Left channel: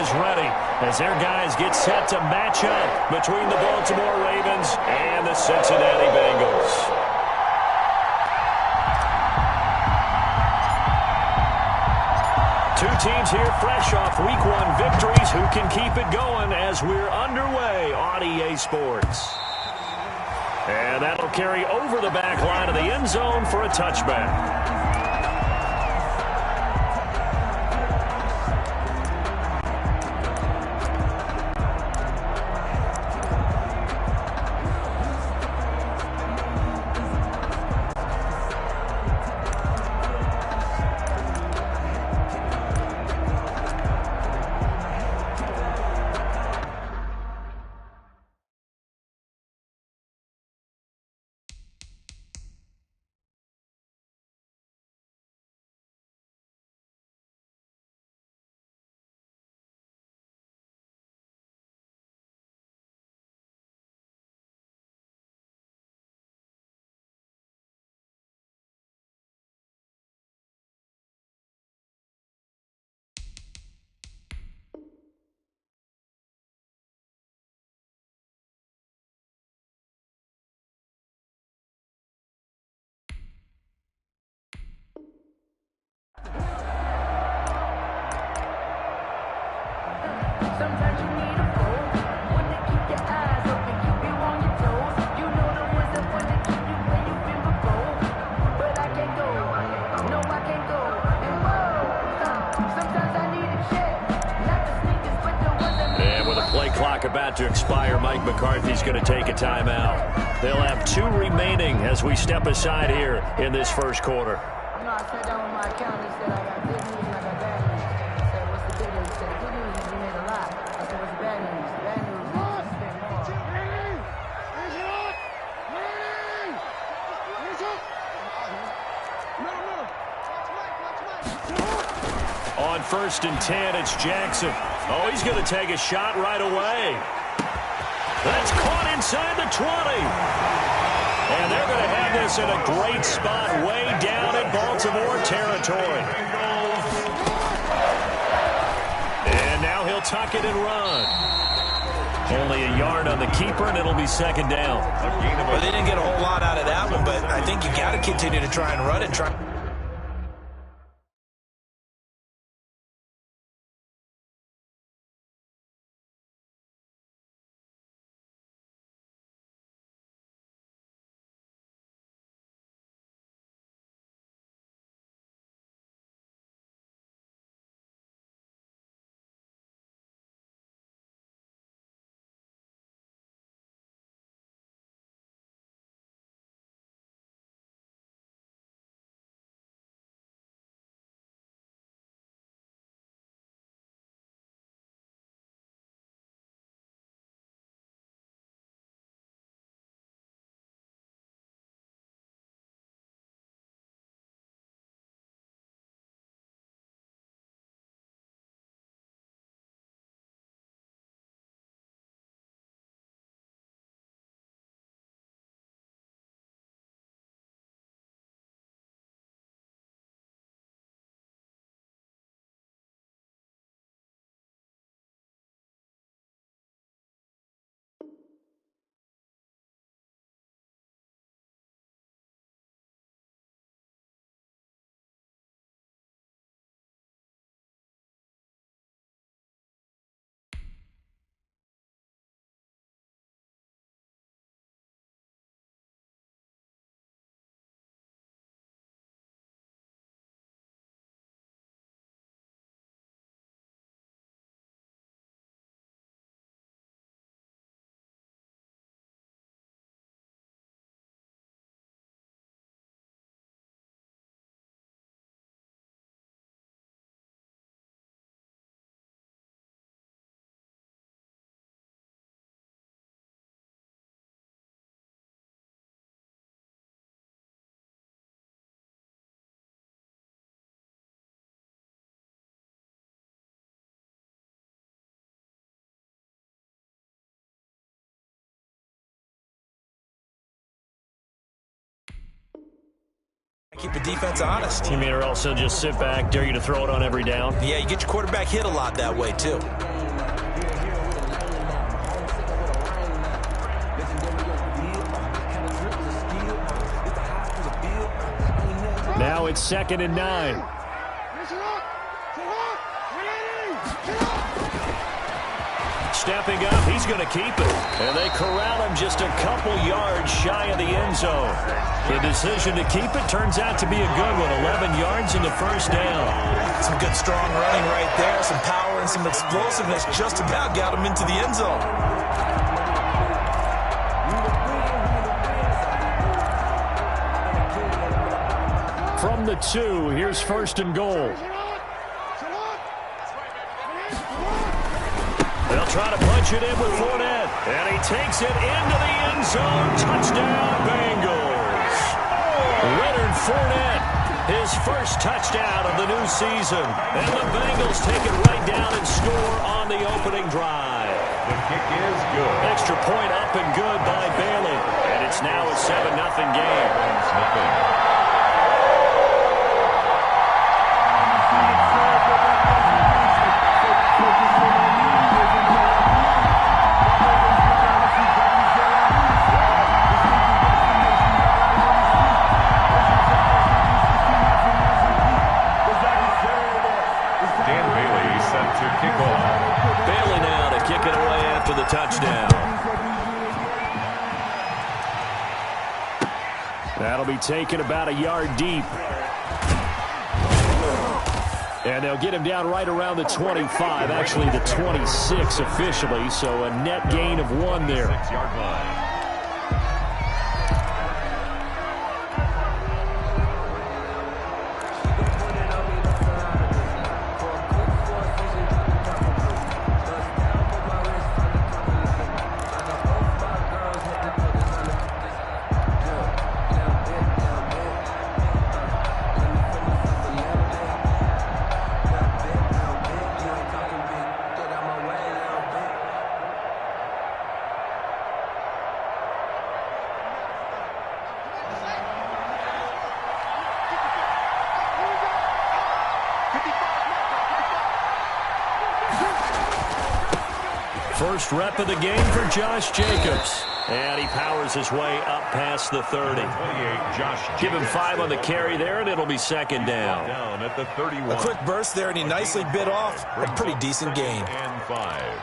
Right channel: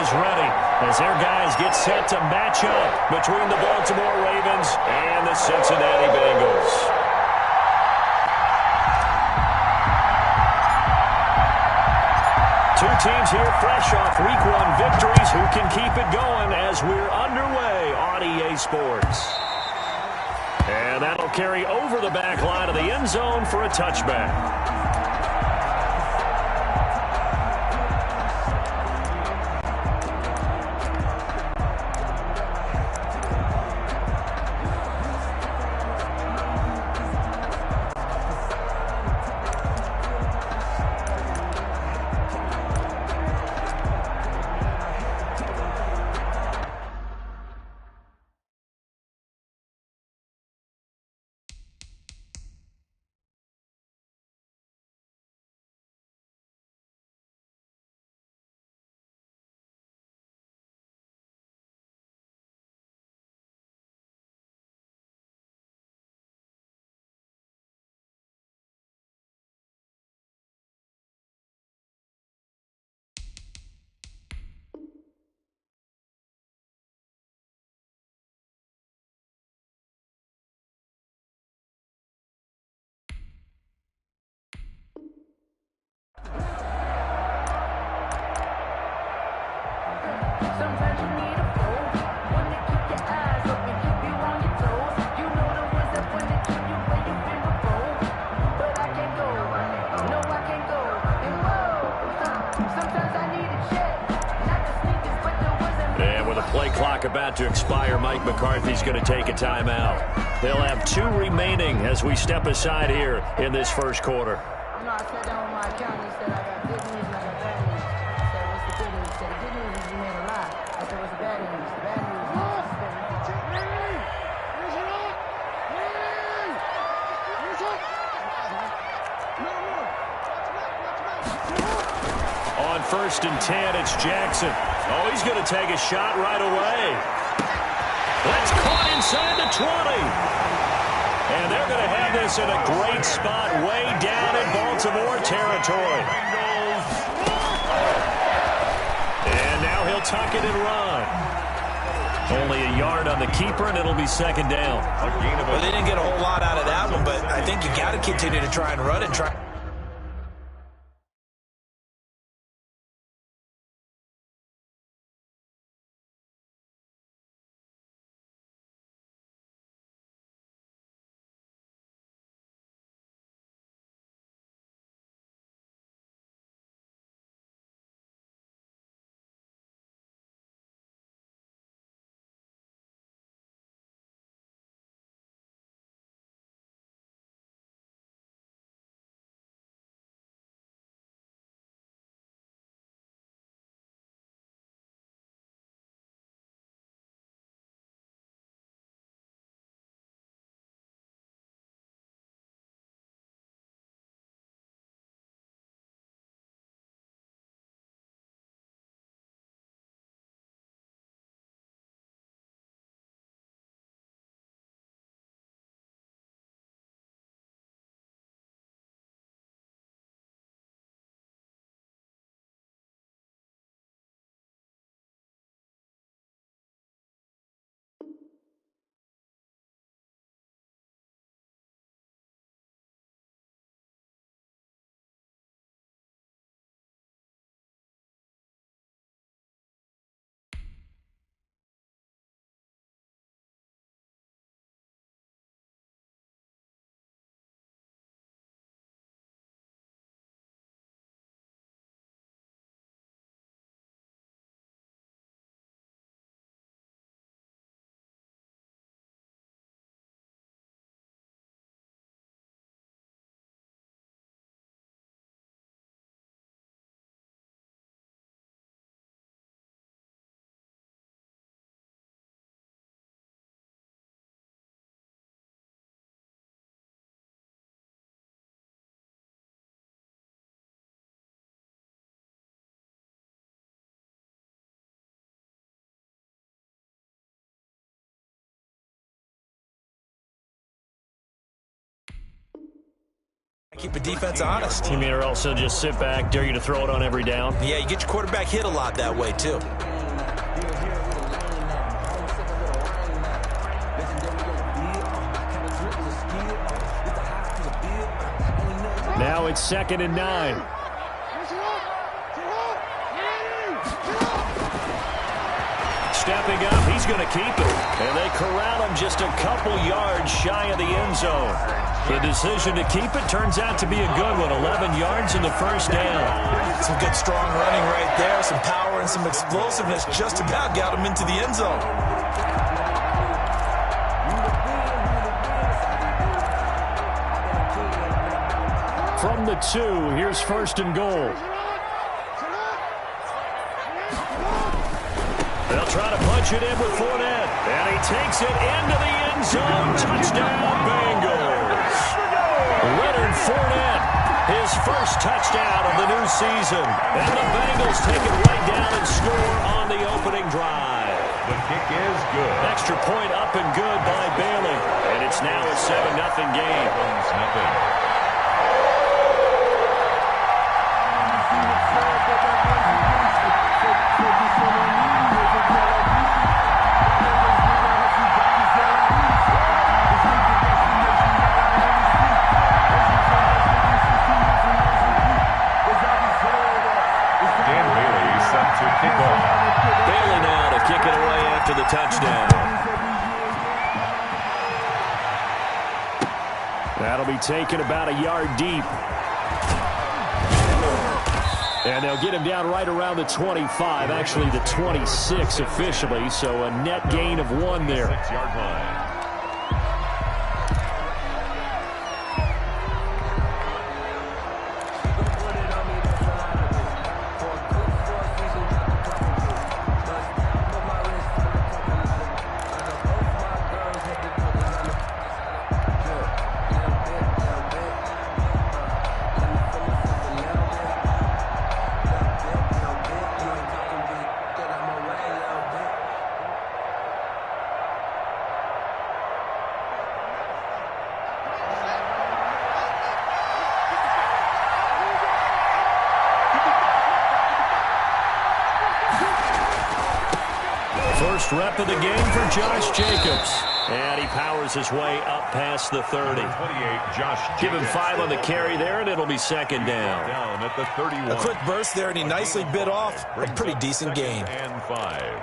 is ready as their guys get set to match up between the Baltimore Ravens and the Cincinnati Bengals. Two teams here fresh off Week 1 victories who can keep it going as we're underway on EA Sports. And that'll carry over the back line of the end zone for a touchback. Sometimes you need a fool, one to keep your eyes open, keep you on your toes. You know the ones that want to keep you where you've been before. But I can't go, no I can't go. And whoa, sometimes I need a check, not the sneakers but the ones that make. And with a play clock about to expire, Mike McCarthy's going to take a timeout. They'll have 2 remaining as we step aside here in this first quarter. You know, I sat down with my accountant, he said I got good news and I got bad news. I said, what's the good news? He said, the good news is you made a lot. I said, what's the bad news? The bad news is you spent more. On 1st and 10, it's Jackson. Oh, he's going to take a shot right away. That's caught inside the 20. And they're going to have this in a great spot way down in Baltimore territory. And now he'll tuck it and run. Only a yard on the keeper, and it'll be 2nd down. Well, they didn't get a whole lot out of that one, but I think you got to continue to try and run it. Keep the defense honest. You mean also just sit back, dare you to throw it on every down? Yeah, you get your quarterback hit a lot that way, too. Now it's 2nd and 9. Stepping up, he's going to keep it. And they corral him just a couple yards shy of the end zone. The decision to keep it turns out to be a good one. 11 yards in the first down. Some good strong running right there. Some power and some explosiveness just about got him into the end zone. From the 2, here's 1st and goal. They'll try to punch it in with Fournette. And he takes it into the end zone. Touchdown, Bengals. Leonard Fournette, his first touchdown of the new season. And the Bengals take it right down and score on the opening drive. The kick is good. Extra point up and good by Bailey. And it's now a 7-0 game. 7-0. To kick off. Bailey now to kick it away after the touchdown. That'll be taken about a yard deep. And they'll get him down right around the 25, actually the 26 officially, so a net gain of 1 there. 6-yard line. First rep of the game for Josh Jacobs. And he powers his way up past the 30. 28, Josh Jacobs. Give him 5 on the carry there, and it'll be 2nd down. Down at the 31. A quick burst there, and he nicely bit off a pretty decent gain. And 5.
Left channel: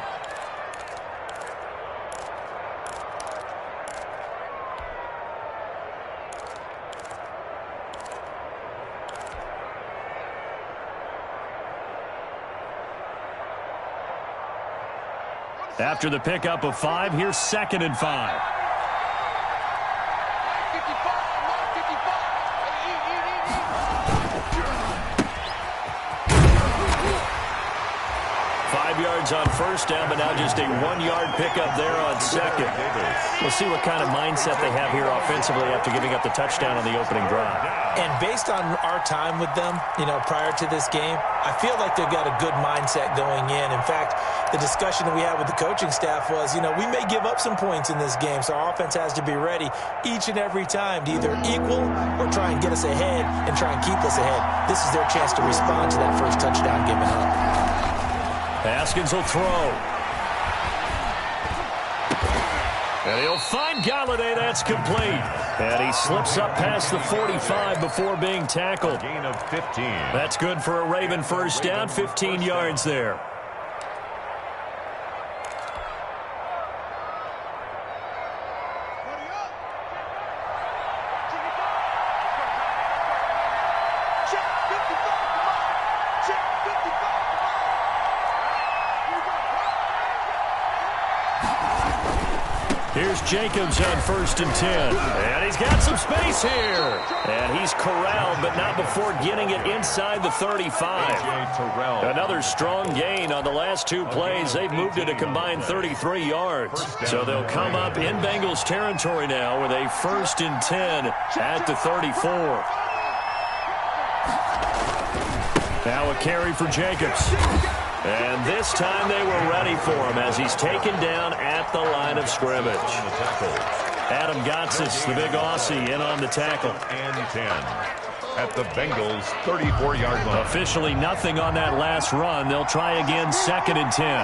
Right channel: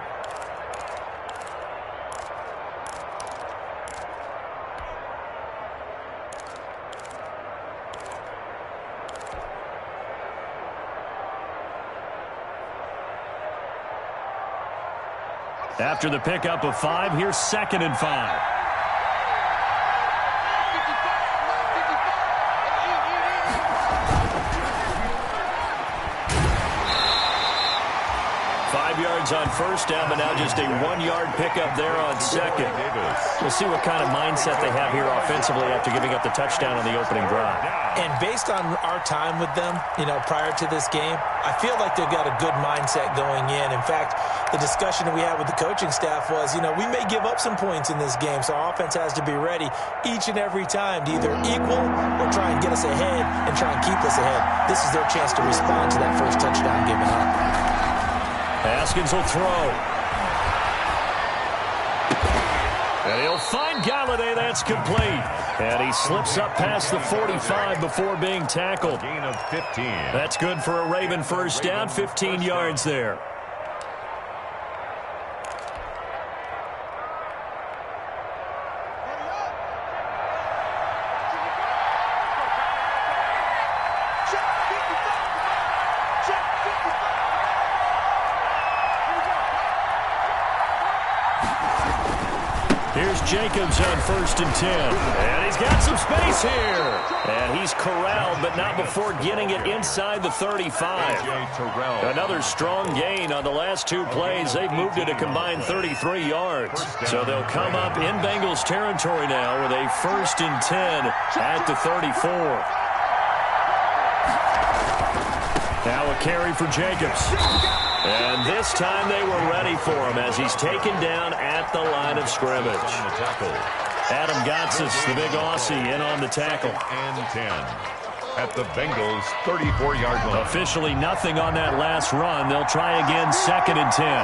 After the pickup of 5, here's 2nd and 5. 5 yards on first down, but now just a 1-yard pickup there on 2nd. We'll see what kind of mindset they have here offensively after giving up the touchdown on the opening drive. And based on our time with them, prior to this game, I feel like they've got a good mindset going in. In fact, the discussion that we had with the coaching staff was, we may give up some points in this game, so our offense has to be ready each and every time to either equal or try and get us ahead and try and keep us ahead. This is their chance to respond to that first touchdown given up. Haskins will throw. And he'll find Galladay. That's complete. And he slips up past the 45 before being tackled. Gain of 15. That's good for a Raven first down, 15 yards there. Here's Jacobs on 1st and 10. And he's got some space here. And he's corralled, but not before getting it inside the 35. Another strong gain on the last 2 plays. They've moved it a combined 33 yards. So they'll come up in Bengals territory now with a 1st and 10 at the 34. Now a carry for Jacobs. And this time they were ready for him as he's taken down at the line of scrimmage. Adam Gotsis, the big Aussie, in on the tackle. And 10 at the Bengals' 34-yard line. Officially nothing on that last run. They'll try again, 2nd and 10.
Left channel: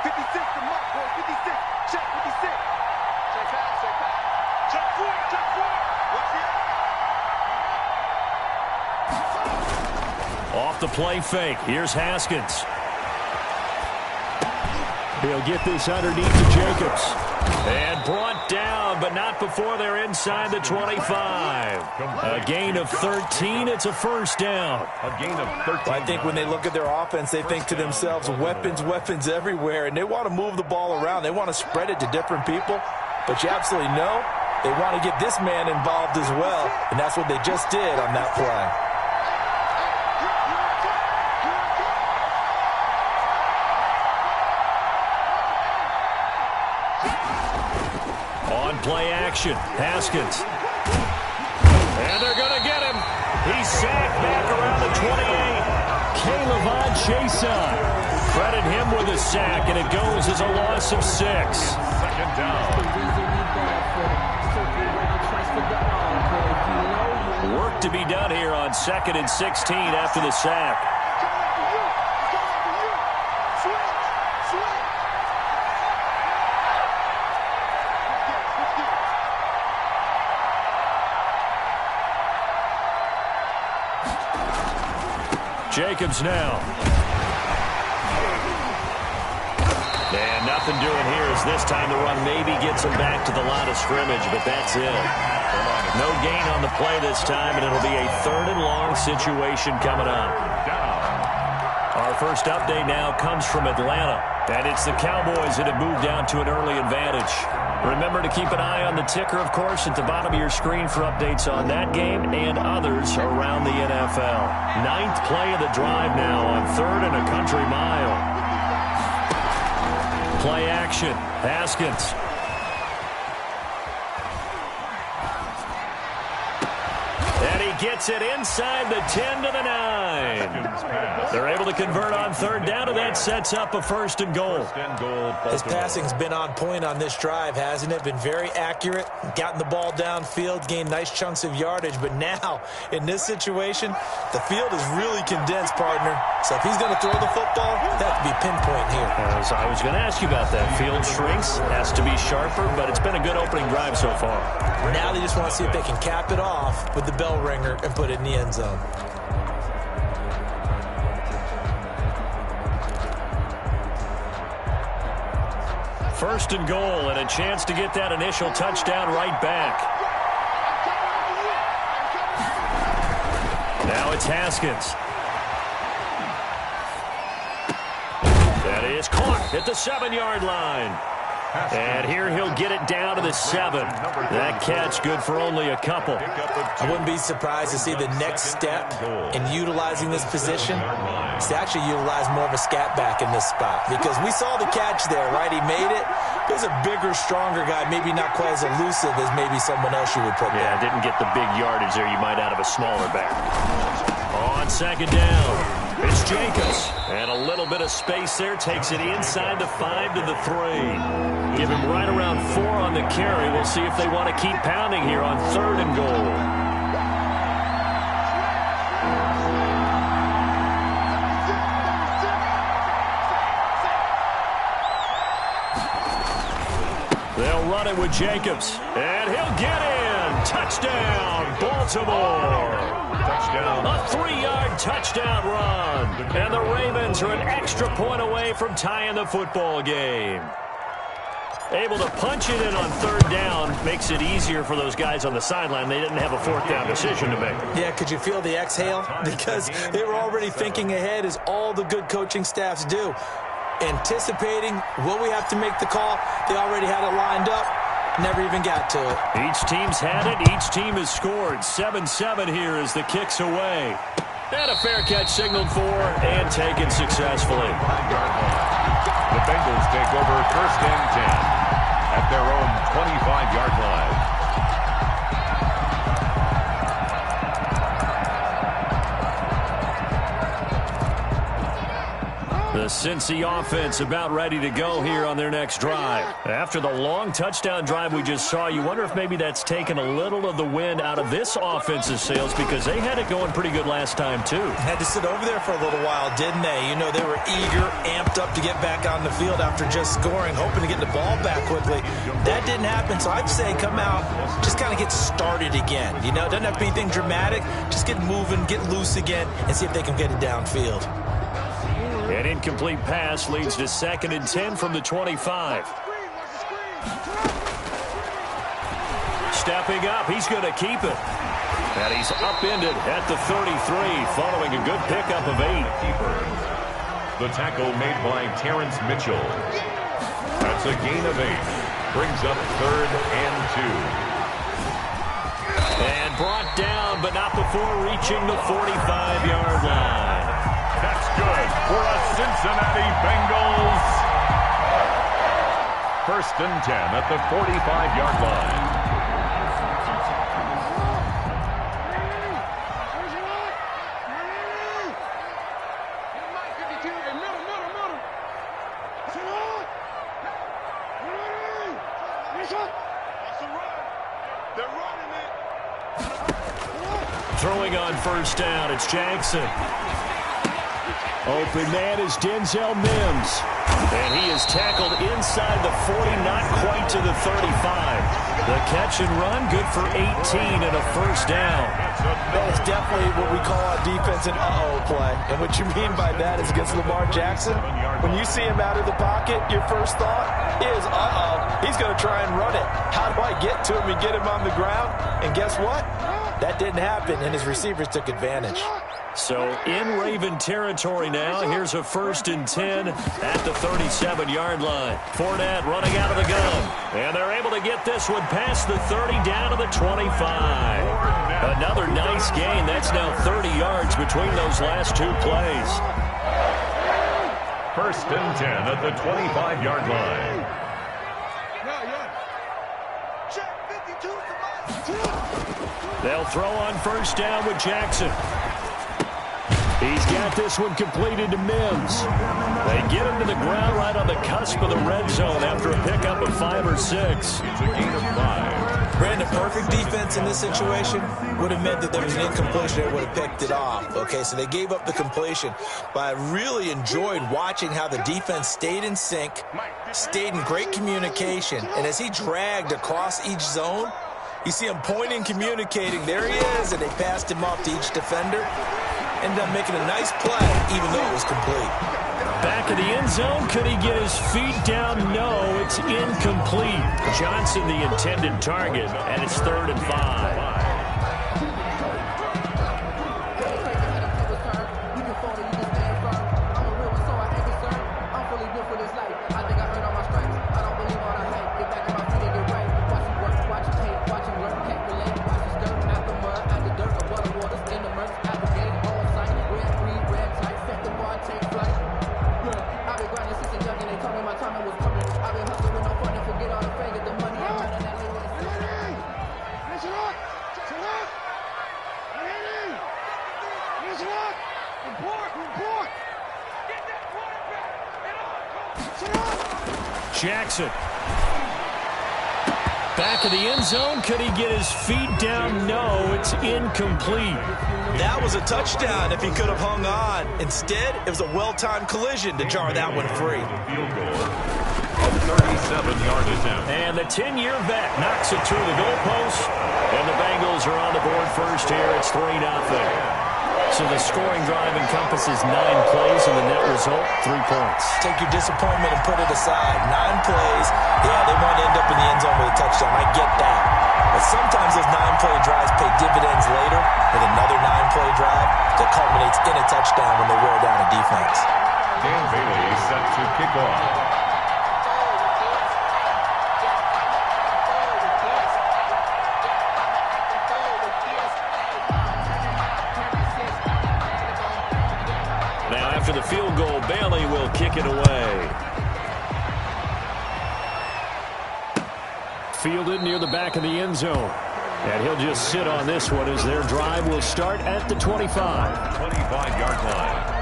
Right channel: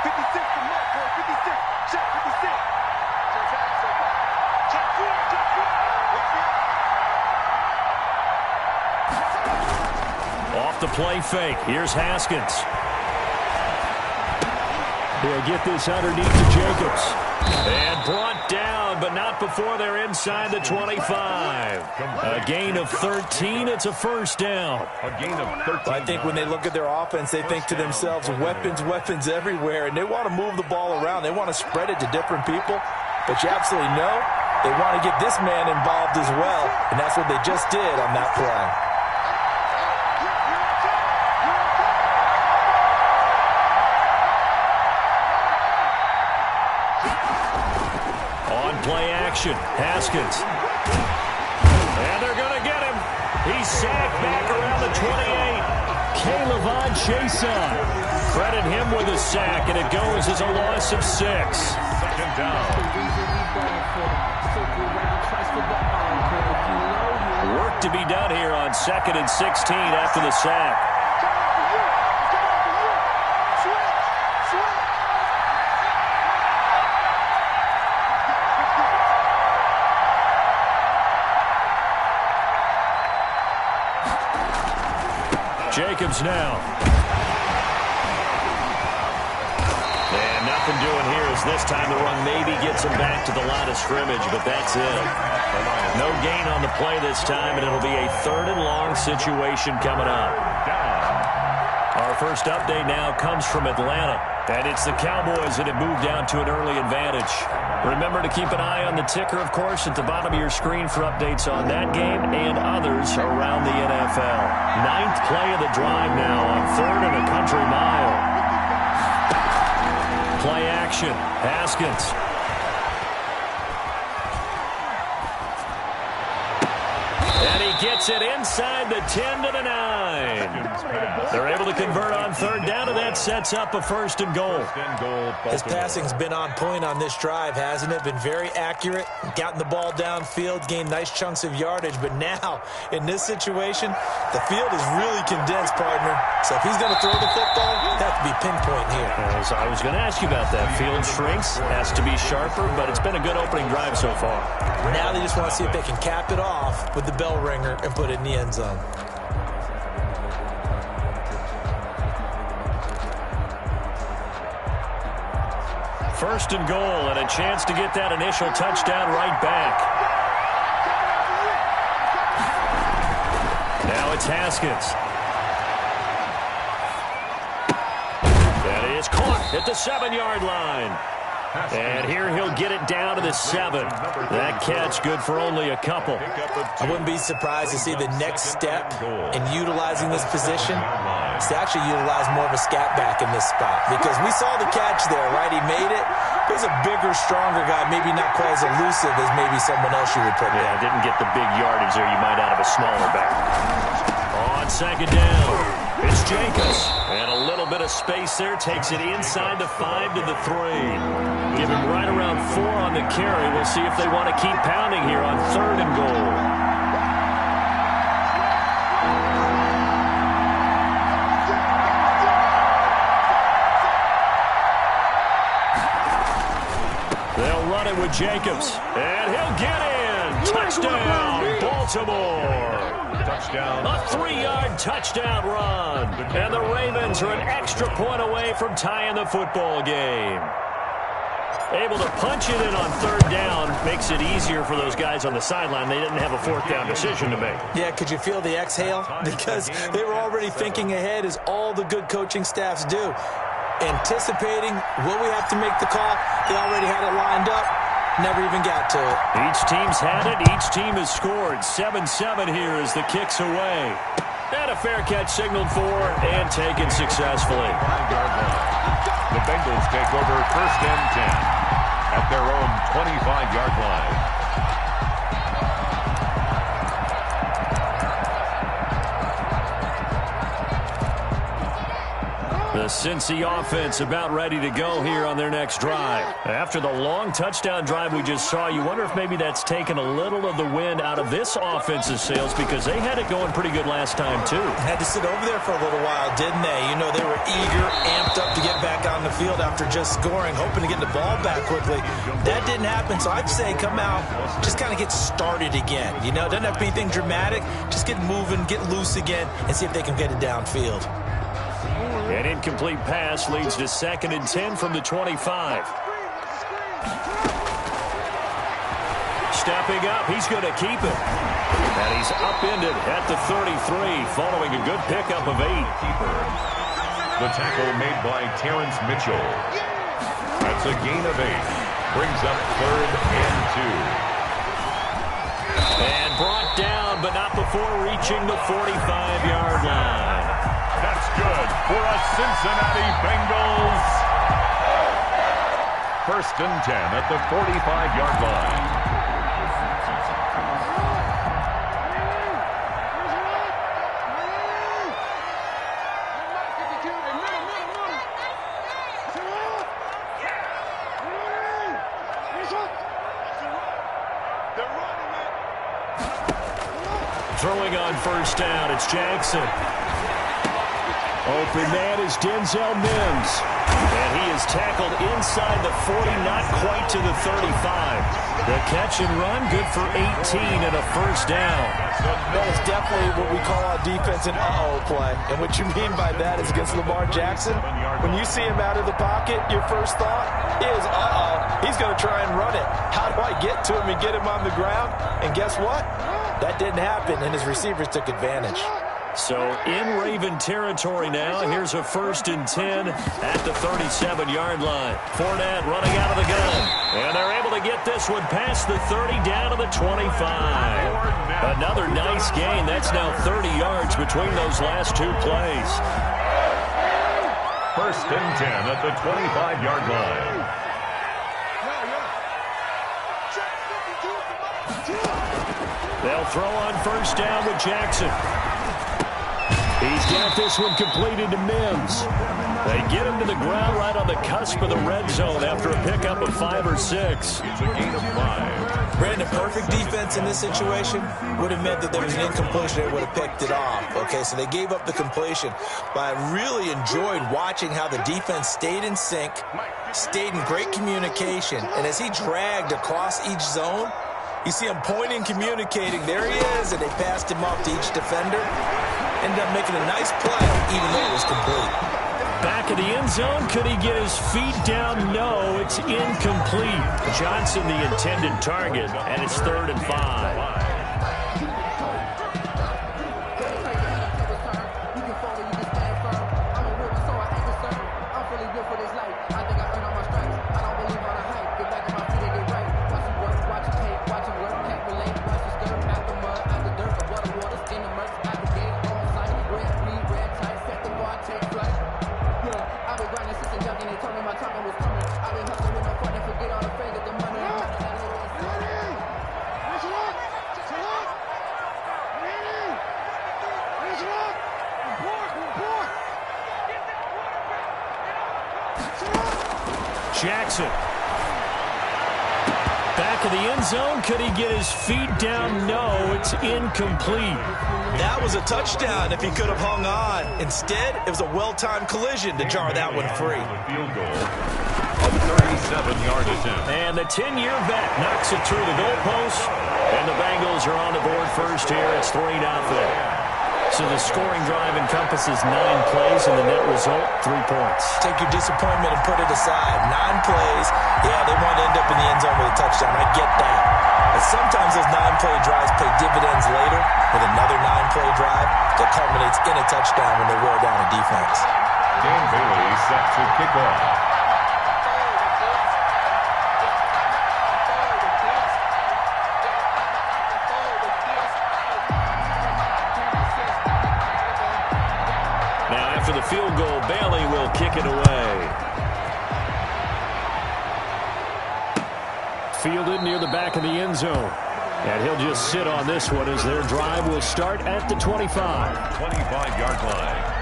56 to Mark, boy. 56. Check 56. Check back, check back. Check 4, check 4. What's the Off the play fake. Here's Haskins. He'll get this underneath to Jacobs. And brought down, but not before they're inside the 25. A gain of 13. It's a first down. A gain of 13. I think when they look at their offense, they think to themselves, weapons everywhere, and they want to move the ball around. They want to spread it to different people, but you absolutely know they want to get this man involved as well, and that's what they just did on that play. Play action. Haskins. And they're going to get him. He's sacked back around the 28. K'Lavon Chaisson. Credit him with a sack, and it goes as a loss of 6. Second down. Work to be done here on 2nd and 16 after the sack. Jacobs now. And nothing doing here as this time the run maybe gets him back to the line of scrimmage, but that's it. No gain on the play this time, and it'll be a 3rd and long situation coming up. Our first update now comes from Atlanta, and it's the Cowboys that have moved down to an early advantage. Remember to keep an eye on the ticker, of course, at the bottom of your screen for updates on that game and others around the NFL. 9th play of the drive now on 3rd and a country mile. Play action. Haskins. And he gets it inside the 10 to the 9. They're able to convert on 3rd down, and that sets up a 1st and goal. His passing's been on point on this drive, hasn't it? Been very accurate, gotten the ball downfield, gained nice chunks of yardage. But now, in this situation, the field is really condensed, partner. So if he's going to throw the football, it has to be pinpoint here. As I was going to ask you about that. Field shrinks, has to be sharper, but it's been a good opening drive so far. Now they just want to see if they can cap it off with the bell ringer and put it in the end zone. First and goal, and a chance to get that initial touchdown right back. Now it's Haskins. That is caught at the 7-yard line. And here he'll get it down to the 7. That catch good for only a couple. I wouldn't be surprised to see the next step in utilizing this position is to actually utilize more of a scat back in this spot. Because we saw the catch there, right? He made it. He's a bigger, stronger guy, maybe not quite as elusive as maybe someone else you would put there. Yeah, didn't get the big yardage there you might out of a smaller back. On 2nd down. It's Jacobs, and a little bit of space there takes it inside the 5 to the 3. Give him right around 4 on the carry. We'll see if they want to keep pounding here on 3rd and goal. They'll run it with Jacobs, and he'll get in. Touchdown, Baltimore. Touchdown. A 3-yard touchdown run. And the Ravens are an extra point away from tying the football game. Able to punch it in on 3rd down makes it easier for those guys on the sideline. They didn't have a 4th down decision to make. Yeah, could you feel the exhale? Because they were already thinking ahead, as all the good coaching staffs do. Anticipating, will we have to make the call? They already had it lined up. Never even got to it. Each team's had it. Each team has scored. 7-7 here as the kick's away. And a fair catch signaled for and taken successfully. 5-yard line. The Bengals take over 1st and 10 at their own 25-yard line. The Cincy offense about ready to go here on their next drive. After the long touchdown drive we just saw, you wonder if maybe that's taken a little of the wind out of this offense's sails, because they had it going pretty good last time too. Had to sit over there for a little while, didn't they? You know, they were eager, amped up to get back on the the field after just scoring, hoping to get the ball back quickly. That didn't happen, so I'd say come out, just kind of get started again. You know, it doesn't have to be anything dramatic. Just get moving, get loose again, and see if they can get it downfield. An incomplete pass leads to 2nd and 10 from the 25. Stepping up, he's going to keep it. And he's upended at the 33, following a good pickup of 8. The tackle made by Terrence Mitchell. That's a gain of 8. Brings up 3rd and 2. And brought down, but not before reaching the 45-yard line. That's good for a Cincinnati Bengals. 1st and 10 at the 45-yard line. Throwing on 1st down, it's Jackson. Open man is Denzel Mims. And he is tackled inside the 40, not quite to the 35. The catch and run, good for 18 and a 1st down. That is definitely what we call on defense an uh-oh play. And what you mean by that is against Lamar Jackson, when you see him out of the pocket, your first thought is, uh-oh, he's going to try and run it. How do I get to him and get him on the ground? And guess what? That didn't happen, and his receivers took advantage. So in Raven territory now, here's a 1st and 10 at the 37-yard line. Fournette running out of the gun. And they're able to get this one past the 30 down to the 25. Another nice gain. That's now 30 yards between those last 2 plays. 1st and 10 at the 25-yard line. They'll throw on 1st down with Jackson. He's got this one completed to Mims. They get him to the ground right on the cusp of the red zone after a pickup of 5 or 6. It's a gain of 5. Brandon, perfect defense in this situation would have meant that there was an incompletion that would have picked it off. Okay, so they gave up the completion. But I really enjoyed watching how the defense stayed in sync, stayed in great communication, and as he dragged across each zone, you see him pointing, communicating. There he is, and they passed him off to each defender. Ended up making a nice play, even though it was complete. Back of the end zone, could he get his feet down? No, it's incomplete. Johnson the intended target, and it's 3rd and 5. Jackson. Back of the end zone. Could he get his feet down? No, it's incomplete. That was a touchdown if he could have hung on. Instead, it was a well-timed collision to jar that one free. Field goal. A 37-yard attempt. And the 10-year vet knocks it through the goalpost. And the Bengals are on the board first here. It's 3-0. So the scoring drive encompasses 9 plays, and the net result, 3 points. Take your disappointment and put it aside. 9 plays. Yeah, they want to end up in the end zone with a touchdown. I get that. But sometimes those 9-play drives pay dividends later with another 9-play drive that culminates in a touchdown when they wear down a defense. Dan Bailey set to kick off. After the field goal, Bailey will kick it away. Fielded near the back of the end zone. And he'll just sit on this one as their drive will start at the 25. 25-yard line.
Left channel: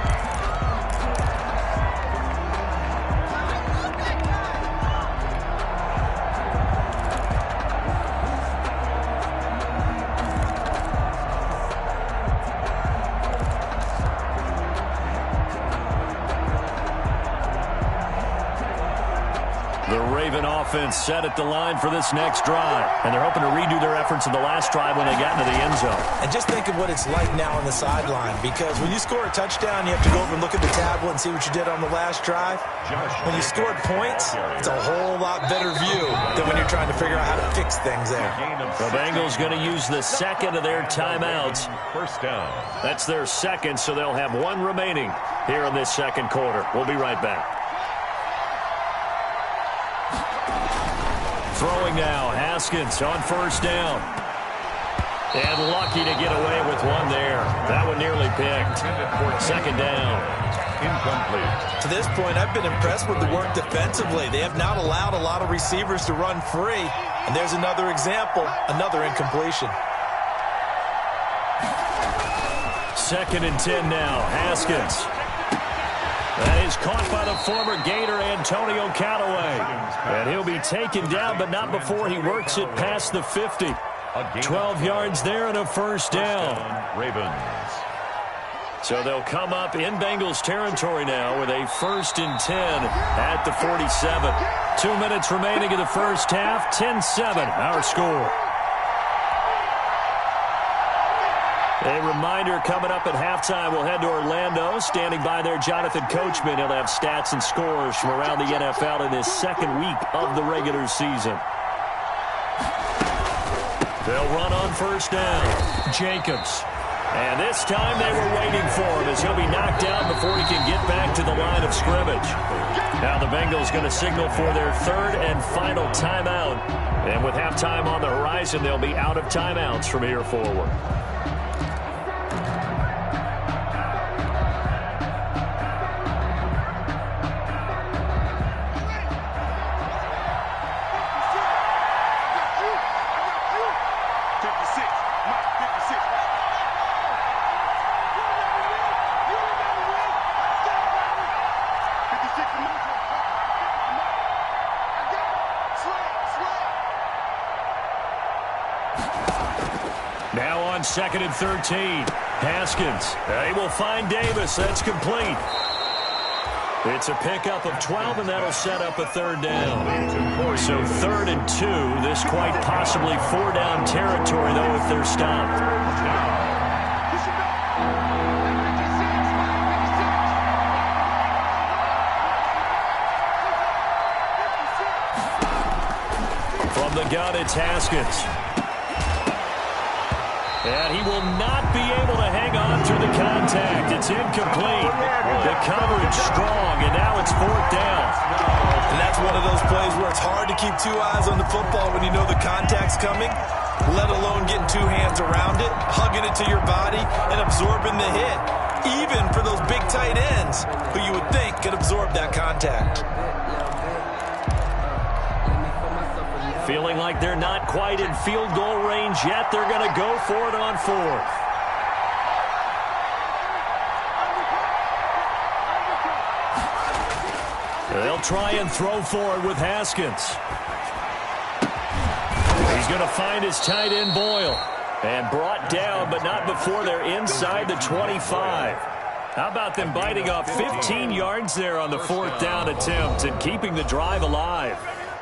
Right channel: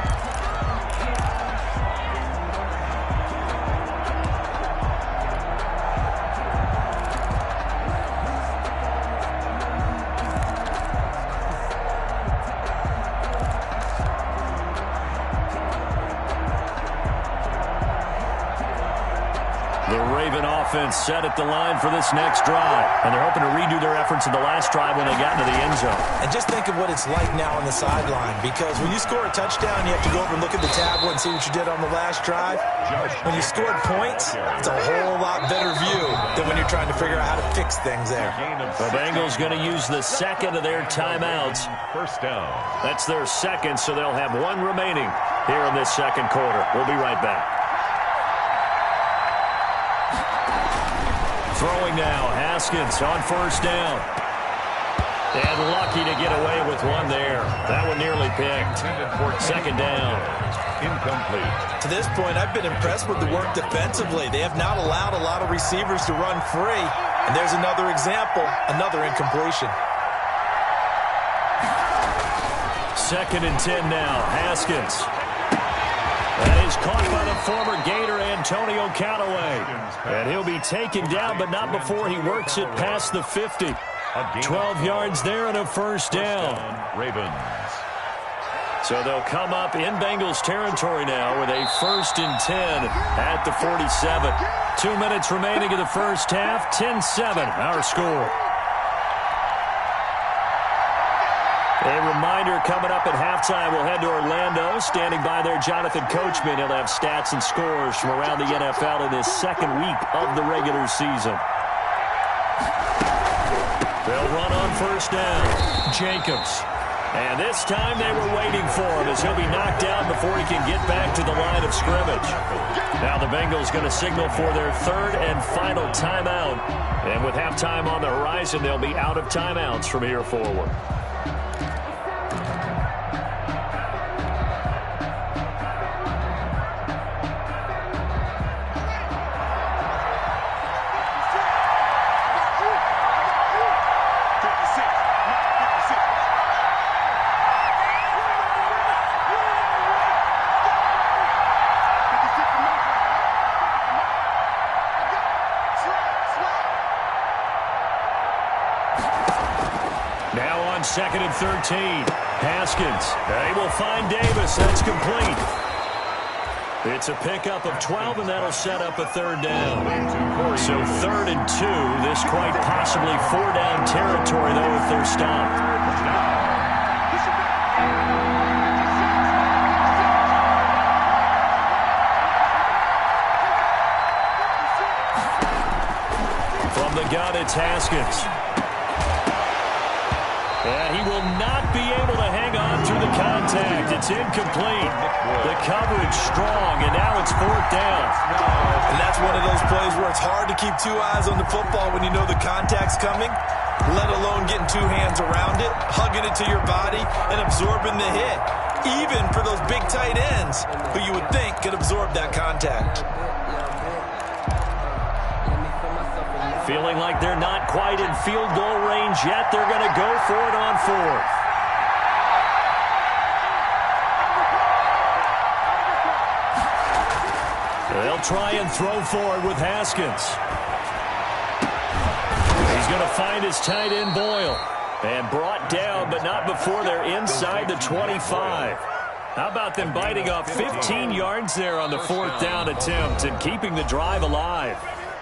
The Raven offense set at the line for this next drive. And they're hoping to redo their efforts in the last drive when they got into the end zone. And just think of what it's like now on the sideline, because when you score a touchdown, you have to go over and look at the tablet and see what you did on the last drive. When you scored points, it's a whole lot better view than when you're trying to figure out how to fix things there. The Bengals going to use the second of their timeouts. First down. That's their second, so they'll have one remaining here in this second quarter. We'll be right back. Throwing now, Haskins on first down. And lucky to get away with one there. That one nearly picked. Second down. Incomplete. To this point, I've been impressed with the work defensively. They have not allowed a lot of receivers to run free. And there's another example, another incompletion. Second and 10 now, Haskins. That is caught by the former Gator Antonio Callaway. And he'll be taken down, but not before he works it past the 50. 12 yards there and a first down. Ravens. So they'll come up in Bengals territory now with a first and 10 at the 47. 2 minutes remaining in the first half, 10-7 our score. A reminder coming up at halftime, we'll head to Orlando. Standing by there, Jonathan Coachman. He'll have stats and scores from around the NFL in his second week of the regular season. They'll run on first down. Jacobs. And this time they were waiting for him as he'll be knocked down before he can get back to the line of scrimmage. Now the Bengals going to signal for their third and final timeout. And with halftime on the horizon, they'll be out of timeouts from here forward. Now on second and 13. Haskins. They will find Davis. That's complete. It's a pickup of 12, and that'll set up a third down. So 3rd and 2. This quite possibly 4-down territory, though, if they're stopped. From the gun, it's Haskins. And he will not be able to hang on through the contact. It's incomplete. The coverage strong, and now it's 4th down. And that's one of those plays where it's hard to keep 2 eyes on the football when you know the contact's coming, let alone getting 2 hands around it, hugging it to your body, and absorbing the hit. Even for those big tight ends who you would think could absorb that contact. Feeling like they're not quite in field goal range yet. They're going to go for it on 4th. They'll try and throw for it with Haskins. He's going to find his tight end Boyle. And brought down, but not before they're inside the 25. How about them biting off 15 yards there on the 4th down attempt and keeping the drive alive?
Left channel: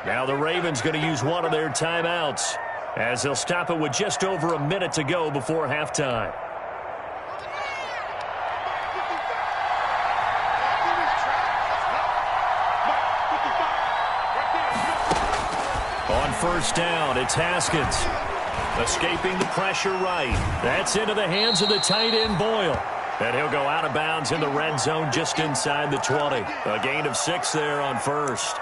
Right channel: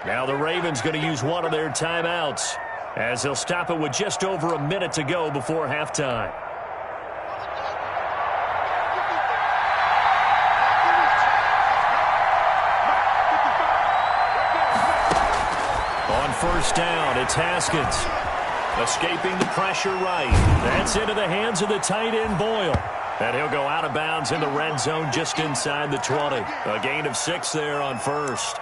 Now the Ravens going to use one of their timeouts as they'll stop it with just over a minute to go before halftime. On first down, it's Haskins. Escaping the pressure right. That's into the hands of the tight end Boyle. And he'll go out of bounds in the red zone just inside the 20. A gain of 6 there on first.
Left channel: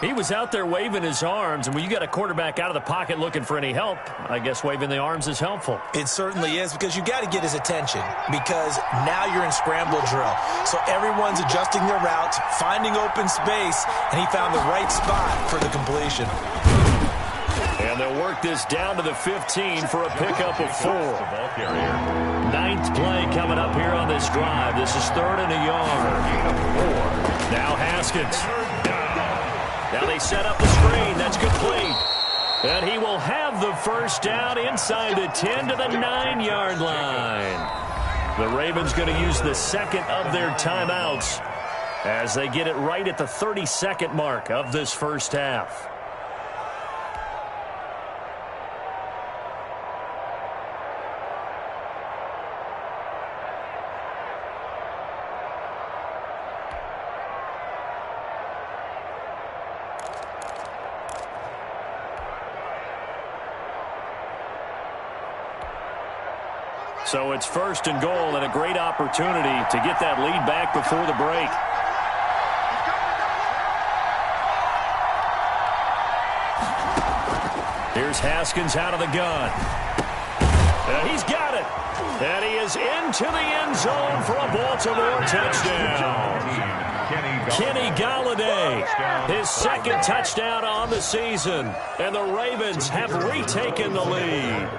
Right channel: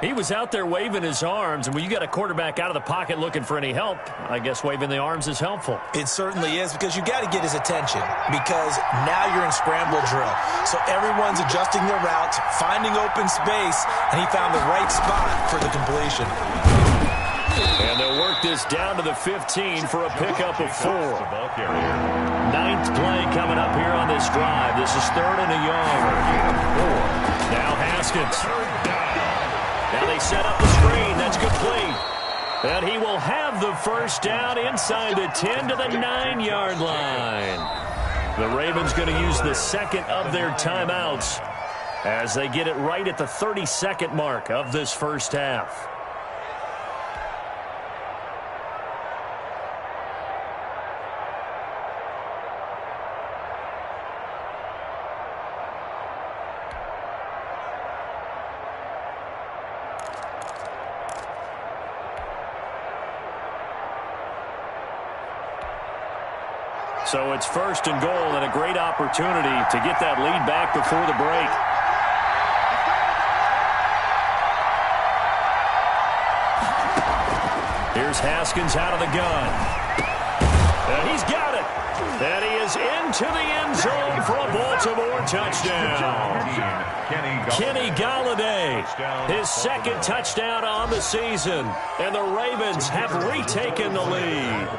He was out there waving his arms, and when you got a quarterback out of the pocket looking for any help, I guess waving the arms is helpful. It certainly is, because you got to get his attention, because now you're in scramble drill. So everyone's adjusting their routes, finding open space, and he found the right spot for the completion. And they'll work this down to the 15 for a pickup of 4. 9th play coming up here on this drive. This is 3rd and a yard. Now Haskins. Now they set up the screen. That's complete. And he will have the first down inside the 10 to the 9-yard line. The Ravens going to use the second of their timeouts as they get it right at the 30-second mark of this first half. So it's 1st and goal, and a great opportunity to get that lead back before the break. Here's Haskins out of the gun. And he's got it. And he is into the end zone for a Baltimore touchdown. Kenny Galladay, his 2nd touchdown on the season. And the Ravens have retaken the lead.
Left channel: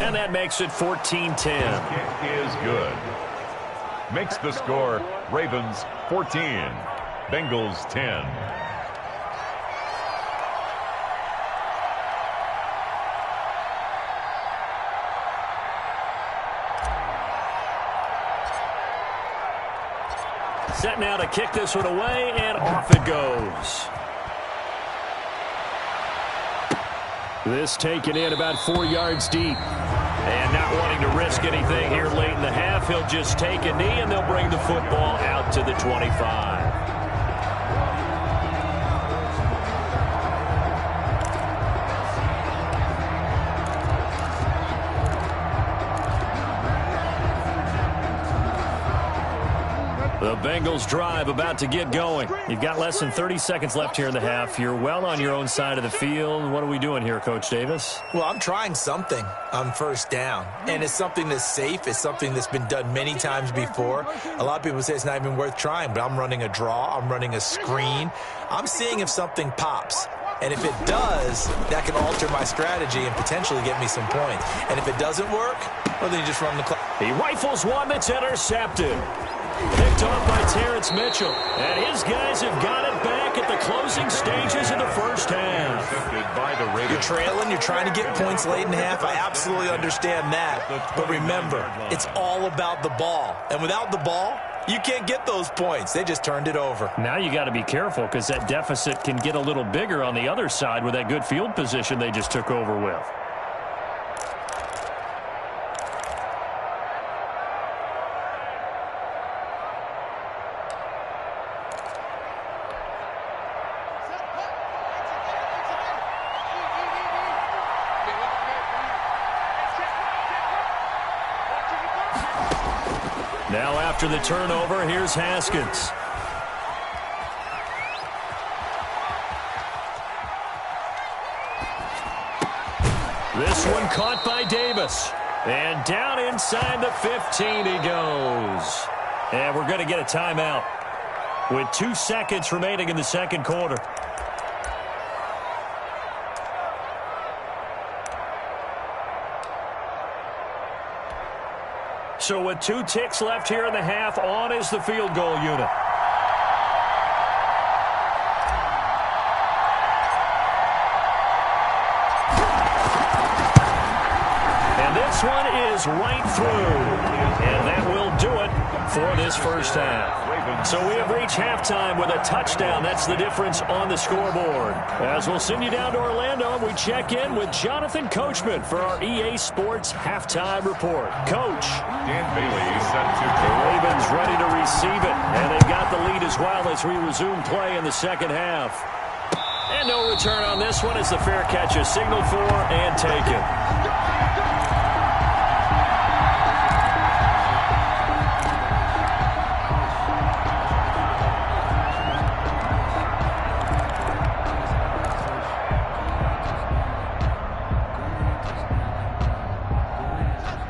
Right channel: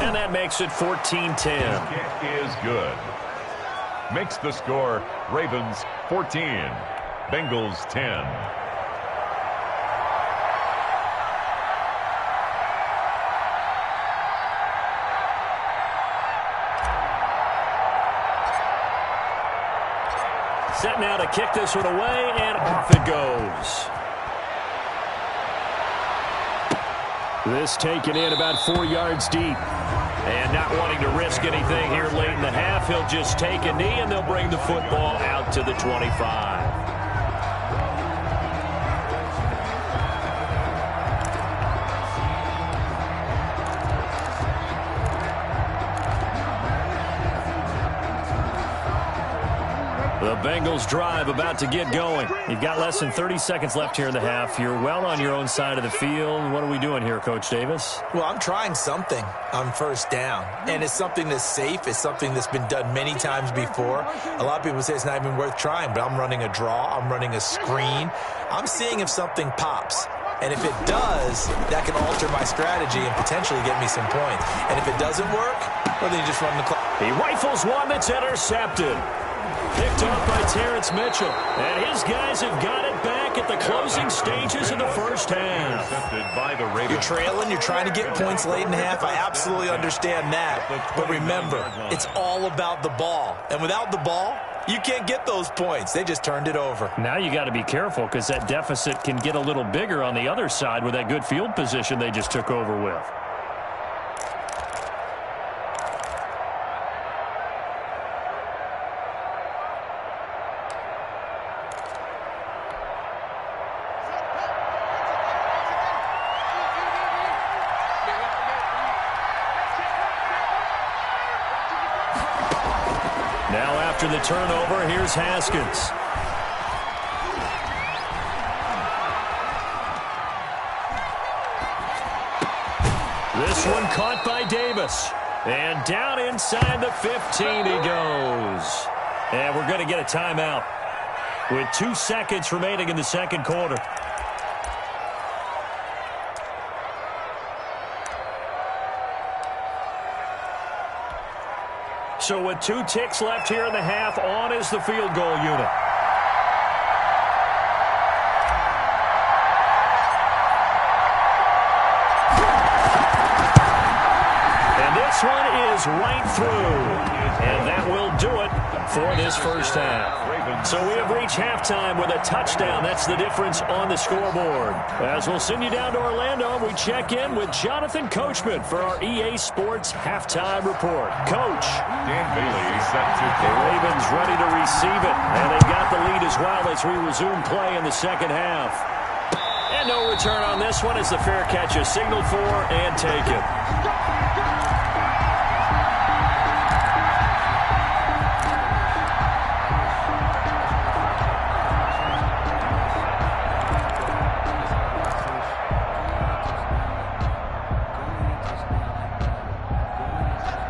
And that makes it 14-10. Kick is good. Makes the score Ravens 14, Bengals 10. Set now to kick this one away, and off it goes. This taken in about 4 yards deep. And not wanting to risk anything here late in the half, he'll just take a knee, and they'll bring the football out to the 25. The Bengals drive about to get going. You've got less than 30 seconds left here in the half. You're well on your own side of the field. What are we doing here, Coach Davis? Well, I'm trying something on 1st down, and it's something that's safe. It's something that's been done many times before. A lot of people say it's not even worth trying, but I'm running a draw. I'm running a screen. I'm seeing if something pops. And if it does, that can alter my strategy and potentially get me some points. And if it doesn't work, well, then you just run the clock. He rifles one that's intercepted. Picked off by Terrence Mitchell. And his guys have got it back at the closing stages of the first half. You're trailing. You're trying to get points late in the half. I absolutely understand that. But remember, it's all about the ball. And without the ball, you can't get those points. They just turned it over. Now you got to be careful because that deficit can get a little bigger on the other side with that good field position they just took over with. Now after the turnover, here's Haskins. This one caught by Davis. And down inside the 15 he goes. And we're going to get a timeout with 2 seconds remaining in the second quarter. So with 2 ticks left here in the half, on is the field goal unit. And this one is right through. And that will do it for this first half. So we have reached halftime with a touchdown. That's the difference on the scoreboard. As we'll send you down to Orlando, we check in with Jonathan Coachman for our EA Sports Halftime Report. Coach. Dan Bailey set to The Ravens ready to receive it. And they've got the lead as well as we resume play in the second half. And no return on this one as the fair catch is signaled for and taken.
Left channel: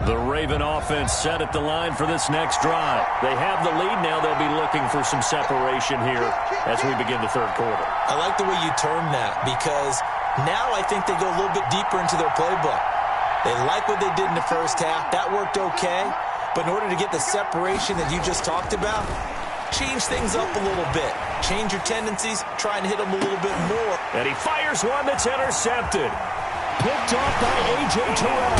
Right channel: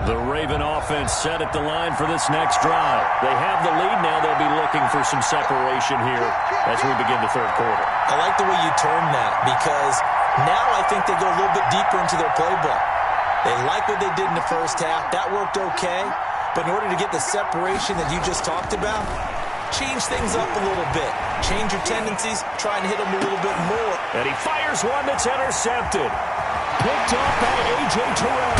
The Raven offense set at the line for this next drive. They have the lead now. They'll be looking for some separation here as we begin the third quarter. I like the way you term that because now I think they go a little bit deeper into their playbook. They like what they did in the first half. That worked okay. But in order to get the separation that you just talked about, change things up a little bit. Change your tendencies. Try and hit them a little bit more. And he fires one that's intercepted. picked off by A.J. Terrell.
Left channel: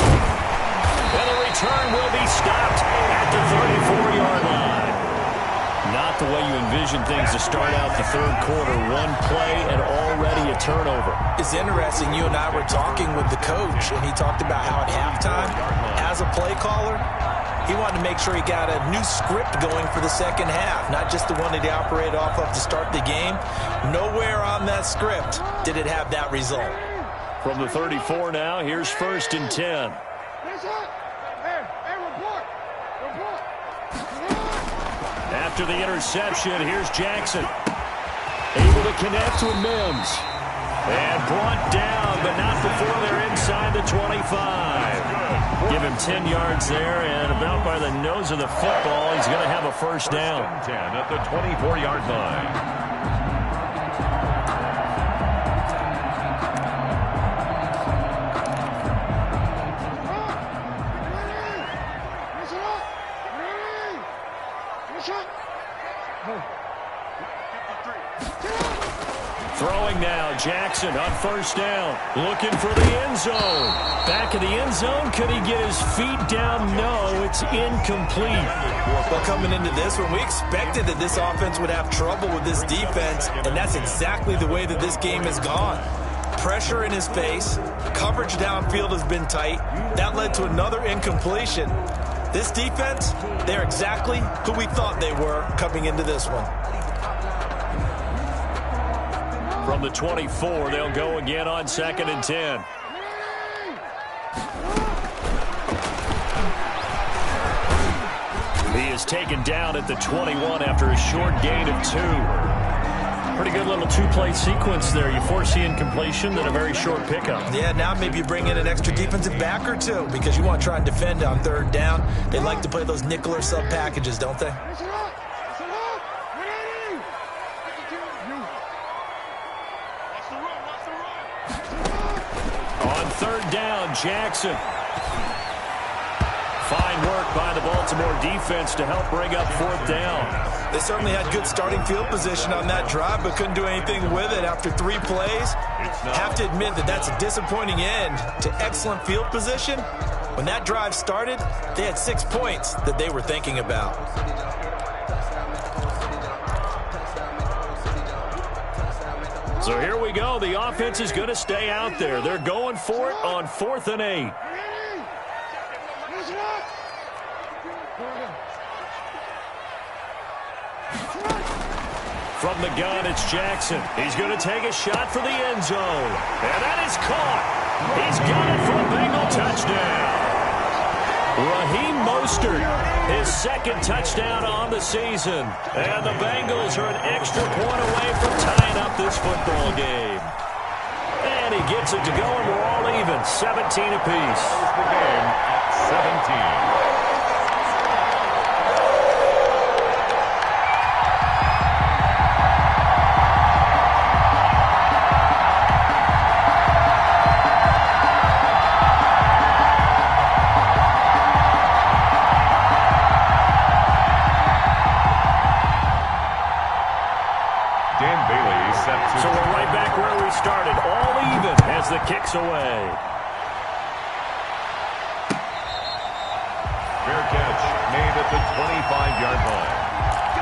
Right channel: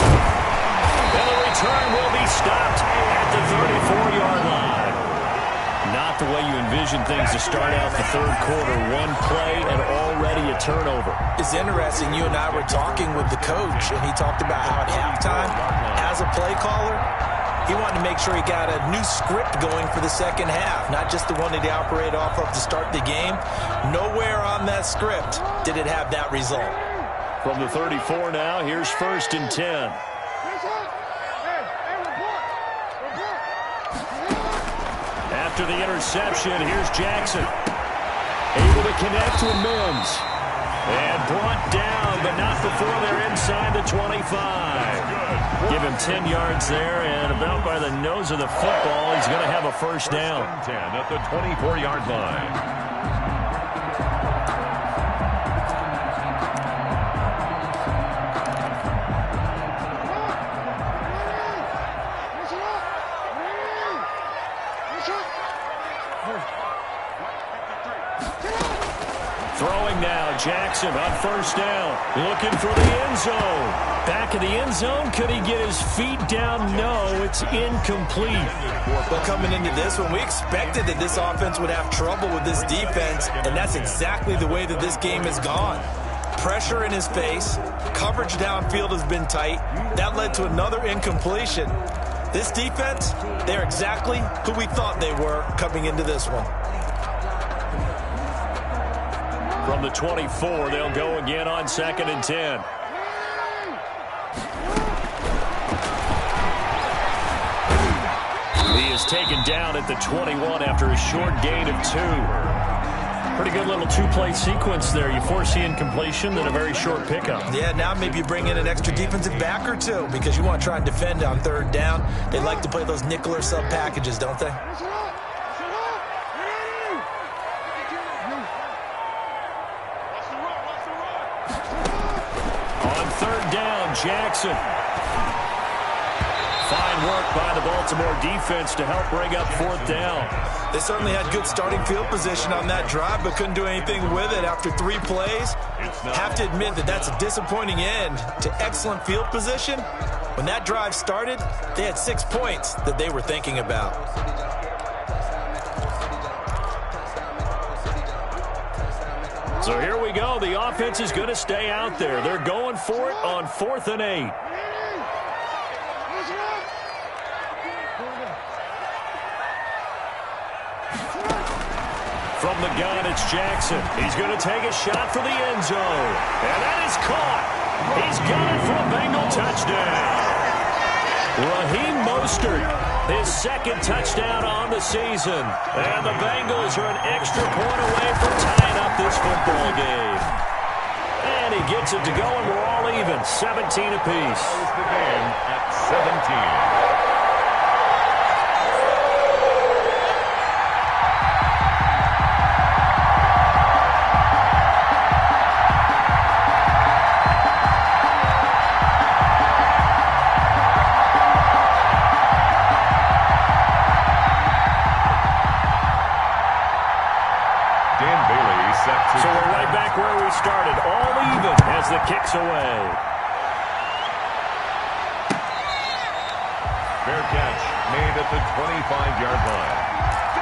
And the return will be stopped at the 34-yard line. Not the way you envision things to start out the third quarter. One play and already a turnover. It's interesting. You and I were talking with the coach, and he talked about how at halftime, as a play caller, he wanted to make sure he got a new script going for the second half, not just the one that he operated off of to start the game. Nowhere on that script did it have that result. From the 34 now, here's 1st and 10. After the interception, here's Jackson. Able to connect with Mims. And brought down, but not before they're inside the 25. Give him 10 yards there, and about by the nose of the football, he's going to have a first down. 10 at the 24-yard line. Throwing now, Jackson on 1st down. Looking for the end zone. Back of the end zone. Could he get his feet down? No, it's incomplete. Well, coming into this one, we expected that this offense would have trouble with this defense, and that's exactly the way that this game has gone. Pressure in his face. Coverage downfield has been tight. That led to another incompletion. This defense, they're exactly who we thought they were coming into this one. From the 24, they'll go again on 2nd and 10. He is taken down at the 21 after a short gain of 2. Pretty good little two-play sequence there. You force the incompletion, then a very short pickup. Yeah, now maybe you bring in an extra defensive back or two because you want to try and defend on 3rd down. They like to play those nickel or sub packages, don't they? On 3rd down, Jackson. Fine work by the Baltimore defense to help bring up 4th down. They certainly had good starting field position on that drive, but couldn't do anything with it after 3 plays. Have to admit that that's a disappointing end to excellent field position. When that drive started, they had 6 points that they were thinking about. So here we go. The offense is going to stay out there. They're going for it on 4th and 8. From the gun, it's Jackson. He's going to take a shot for the end zone. And that is caught. He's got it for a Bengal touchdown. Raheem Mostert, his 2nd touchdown on the season. And the Bengals are an extra point away from tying up this football game. And he gets it to go, and we're all even, 17 apiece. Close the game at 17. So we're right back where we started, all even as the kick's away. Fair catch made at the 25-yard line.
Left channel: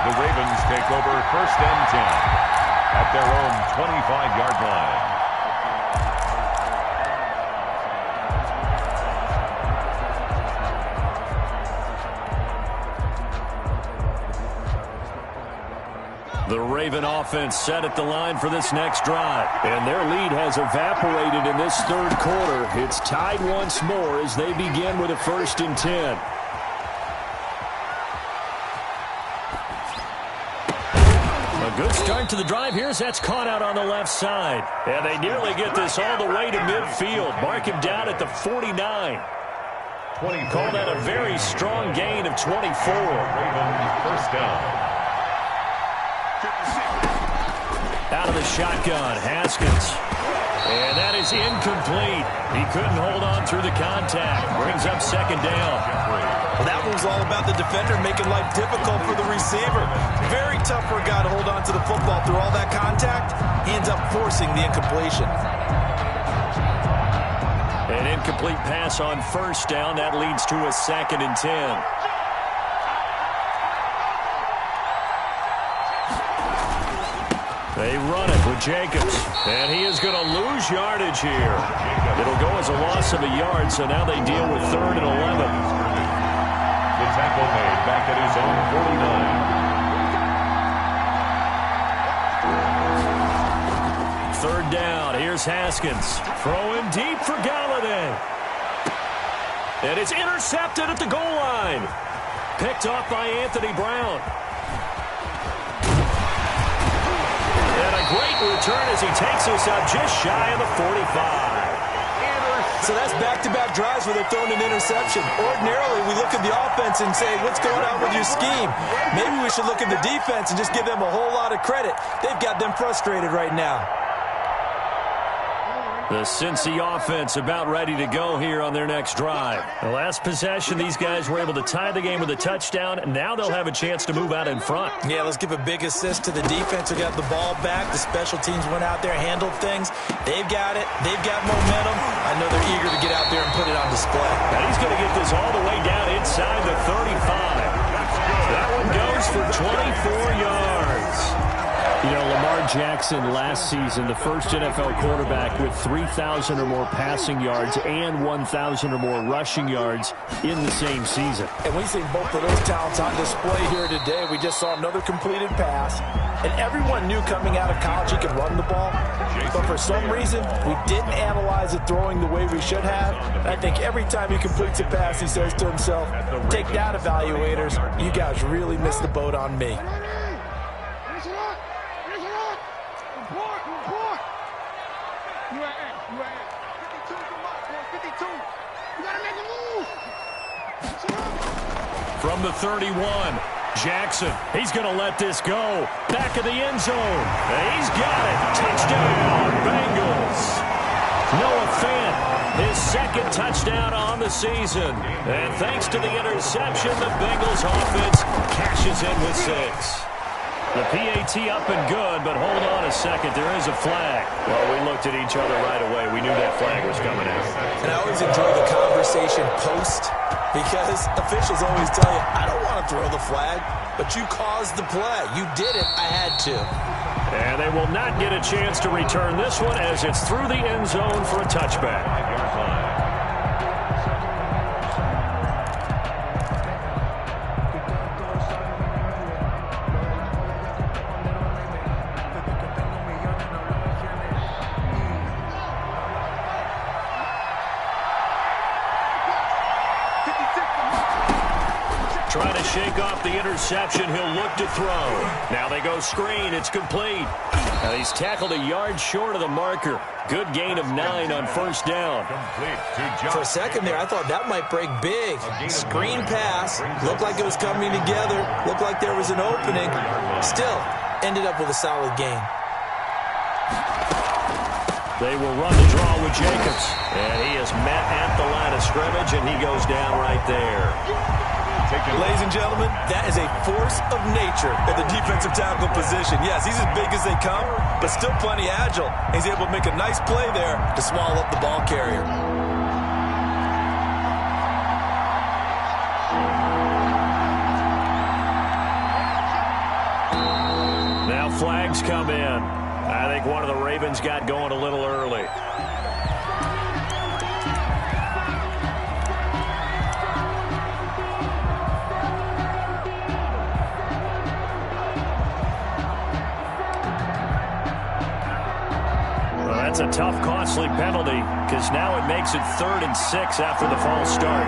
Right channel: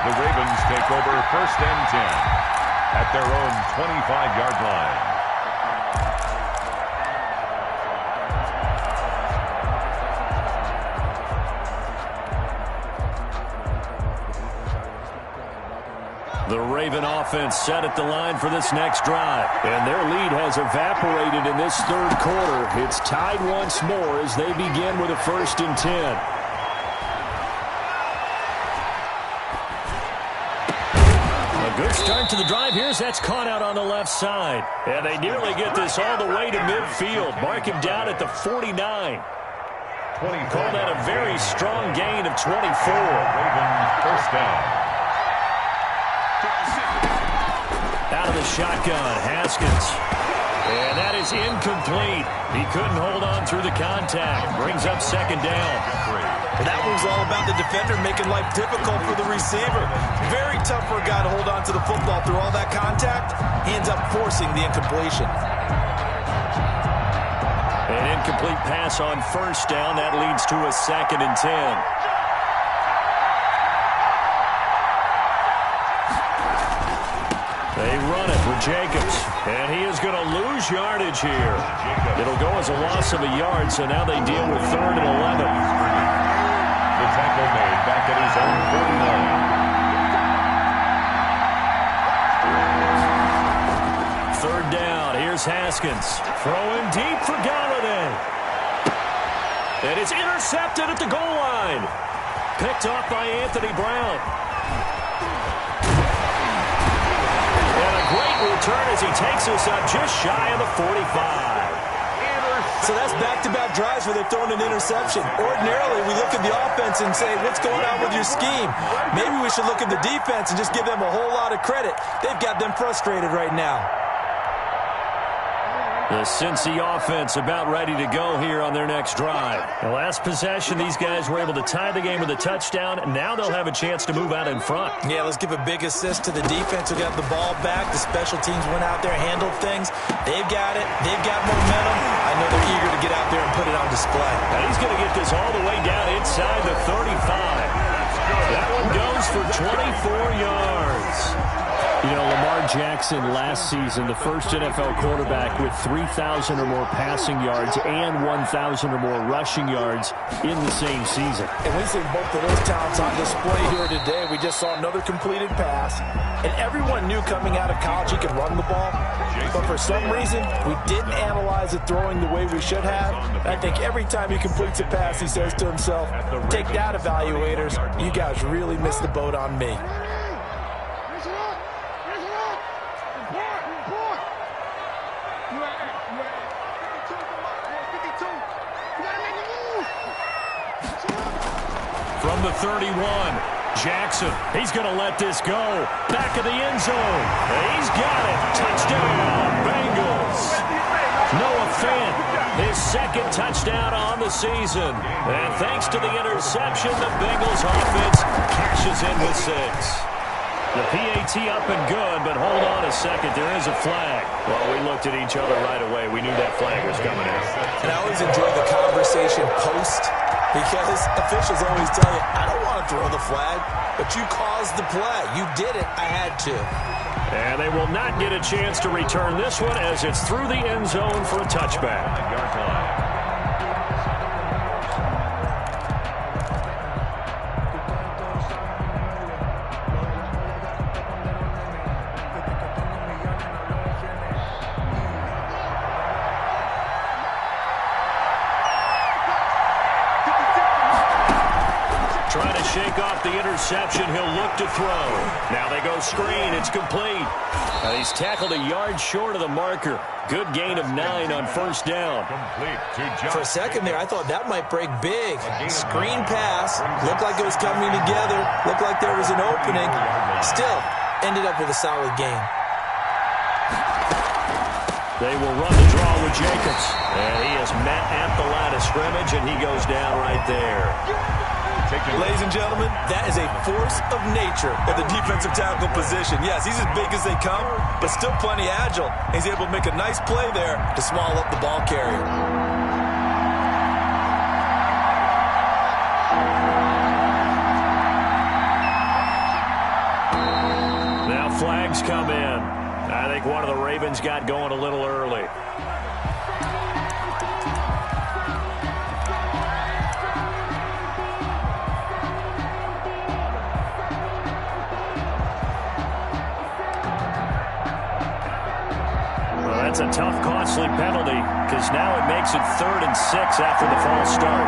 The Ravens take over 1st and 10 at their own 25-yard line. The Raven offense set at the line for this next drive. And their lead has evaporated in this 3rd quarter. It's tied once more as they begin with a 1st and 10. A good start to the drive here as that's caught out on the left side. And they nearly get this all the way to midfield. Mark him down at the 49. Call that a very strong gain of 24. Raven 1st down. Out of the shotgun, Haskins. And that is incomplete. He couldn't hold on through the contact. Brings up 2nd down. Well, that was all about the defender making life difficult for the receiver. Very tough for a guy to hold on to the football through all that contact. He ends up forcing the incompletion. An incomplete pass on first down. That leads to a 2nd and 10. They run it with Jacobs, and he is going to lose yardage here. It'll go as a loss of a yard, so now they deal with 3rd and 11. The tackle made back at his own 49. Third down. Here's Haskins. Throwing deep for Galladay. And it's intercepted at the goal line. Picked off by Anthony Brown. And a great return as he takes us up just shy of the 45. So that's back-to-back drives where they're throwing an interception. Ordinarily, we look at the offense and say, what's going on with your scheme? Maybe we should look at the defense and just give them a whole lot of credit. They've got them frustrated right now. The Cincy offense about ready to go here on their next drive. The last possession, these guys were able to tie the game with a touchdown, and now they'll have a chance to move out in front. Yeah, let's give a big assist to the defense who got the ball back. The special teams went out there, handled things. They've got it. They've got momentum. I know they're eager to get out there and put it on display. And he's going to get this all the way down inside the 35. That one goes for 24 yards. You know, Lamar Jackson last season, the first NFL quarterback with 3,000 or more passing yards and 1,000 or more rushing yards in the same season. And we see both of those talents on display here today. We just saw another completed pass. And everyone knew coming out of college he could run the ball. But for some reason, we didn't analyze it throwing the way we should have. And I think every time he completes a pass, he says to himself, take that, evaluators. You guys really missed the boat on me. From the 31, Jackson. He's going to let this go. Back of the end zone. He's got it. Touchdown, Bengals. Noah Fant, his 2nd touchdown on the season. And thanks to the interception, the Bengals offense cashes in with 6. The PAT up and good, but hold on a second. There is a flag. Well, we looked at each other right away. We knew that flag was coming out. And I always enjoy the conversation post because officials always tell you, I don't want to throw the flag, but you caused the play. You did it. I had to. And they will not get a chance to return this one as it's through the end zone for a touchback. 5-yard line. Trying to shake off the interception. He'll look to throw. Now they go screen. It's complete. Now he's tackled a yard short of the marker. Good gain of 9 on first down. For a second there, I thought that might break big. Screen pass. Looked like it was coming together. Looked like there was an opening. Still, ended up with a solid gain. They will run the draw with Jacobs. And he is met at the line of scrimmage, and he goes down right there. Ladies and gentlemen, that is a force of nature at the defensive tackle position. Yes, he's as big as they come, but still plenty agile. He's able to make a nice play there to swallow up the ball carrier. Now flags come in. I think one of the Ravens got going a little early. That's a tough, costly penalty because now it makes it 3rd and 6 after the false start.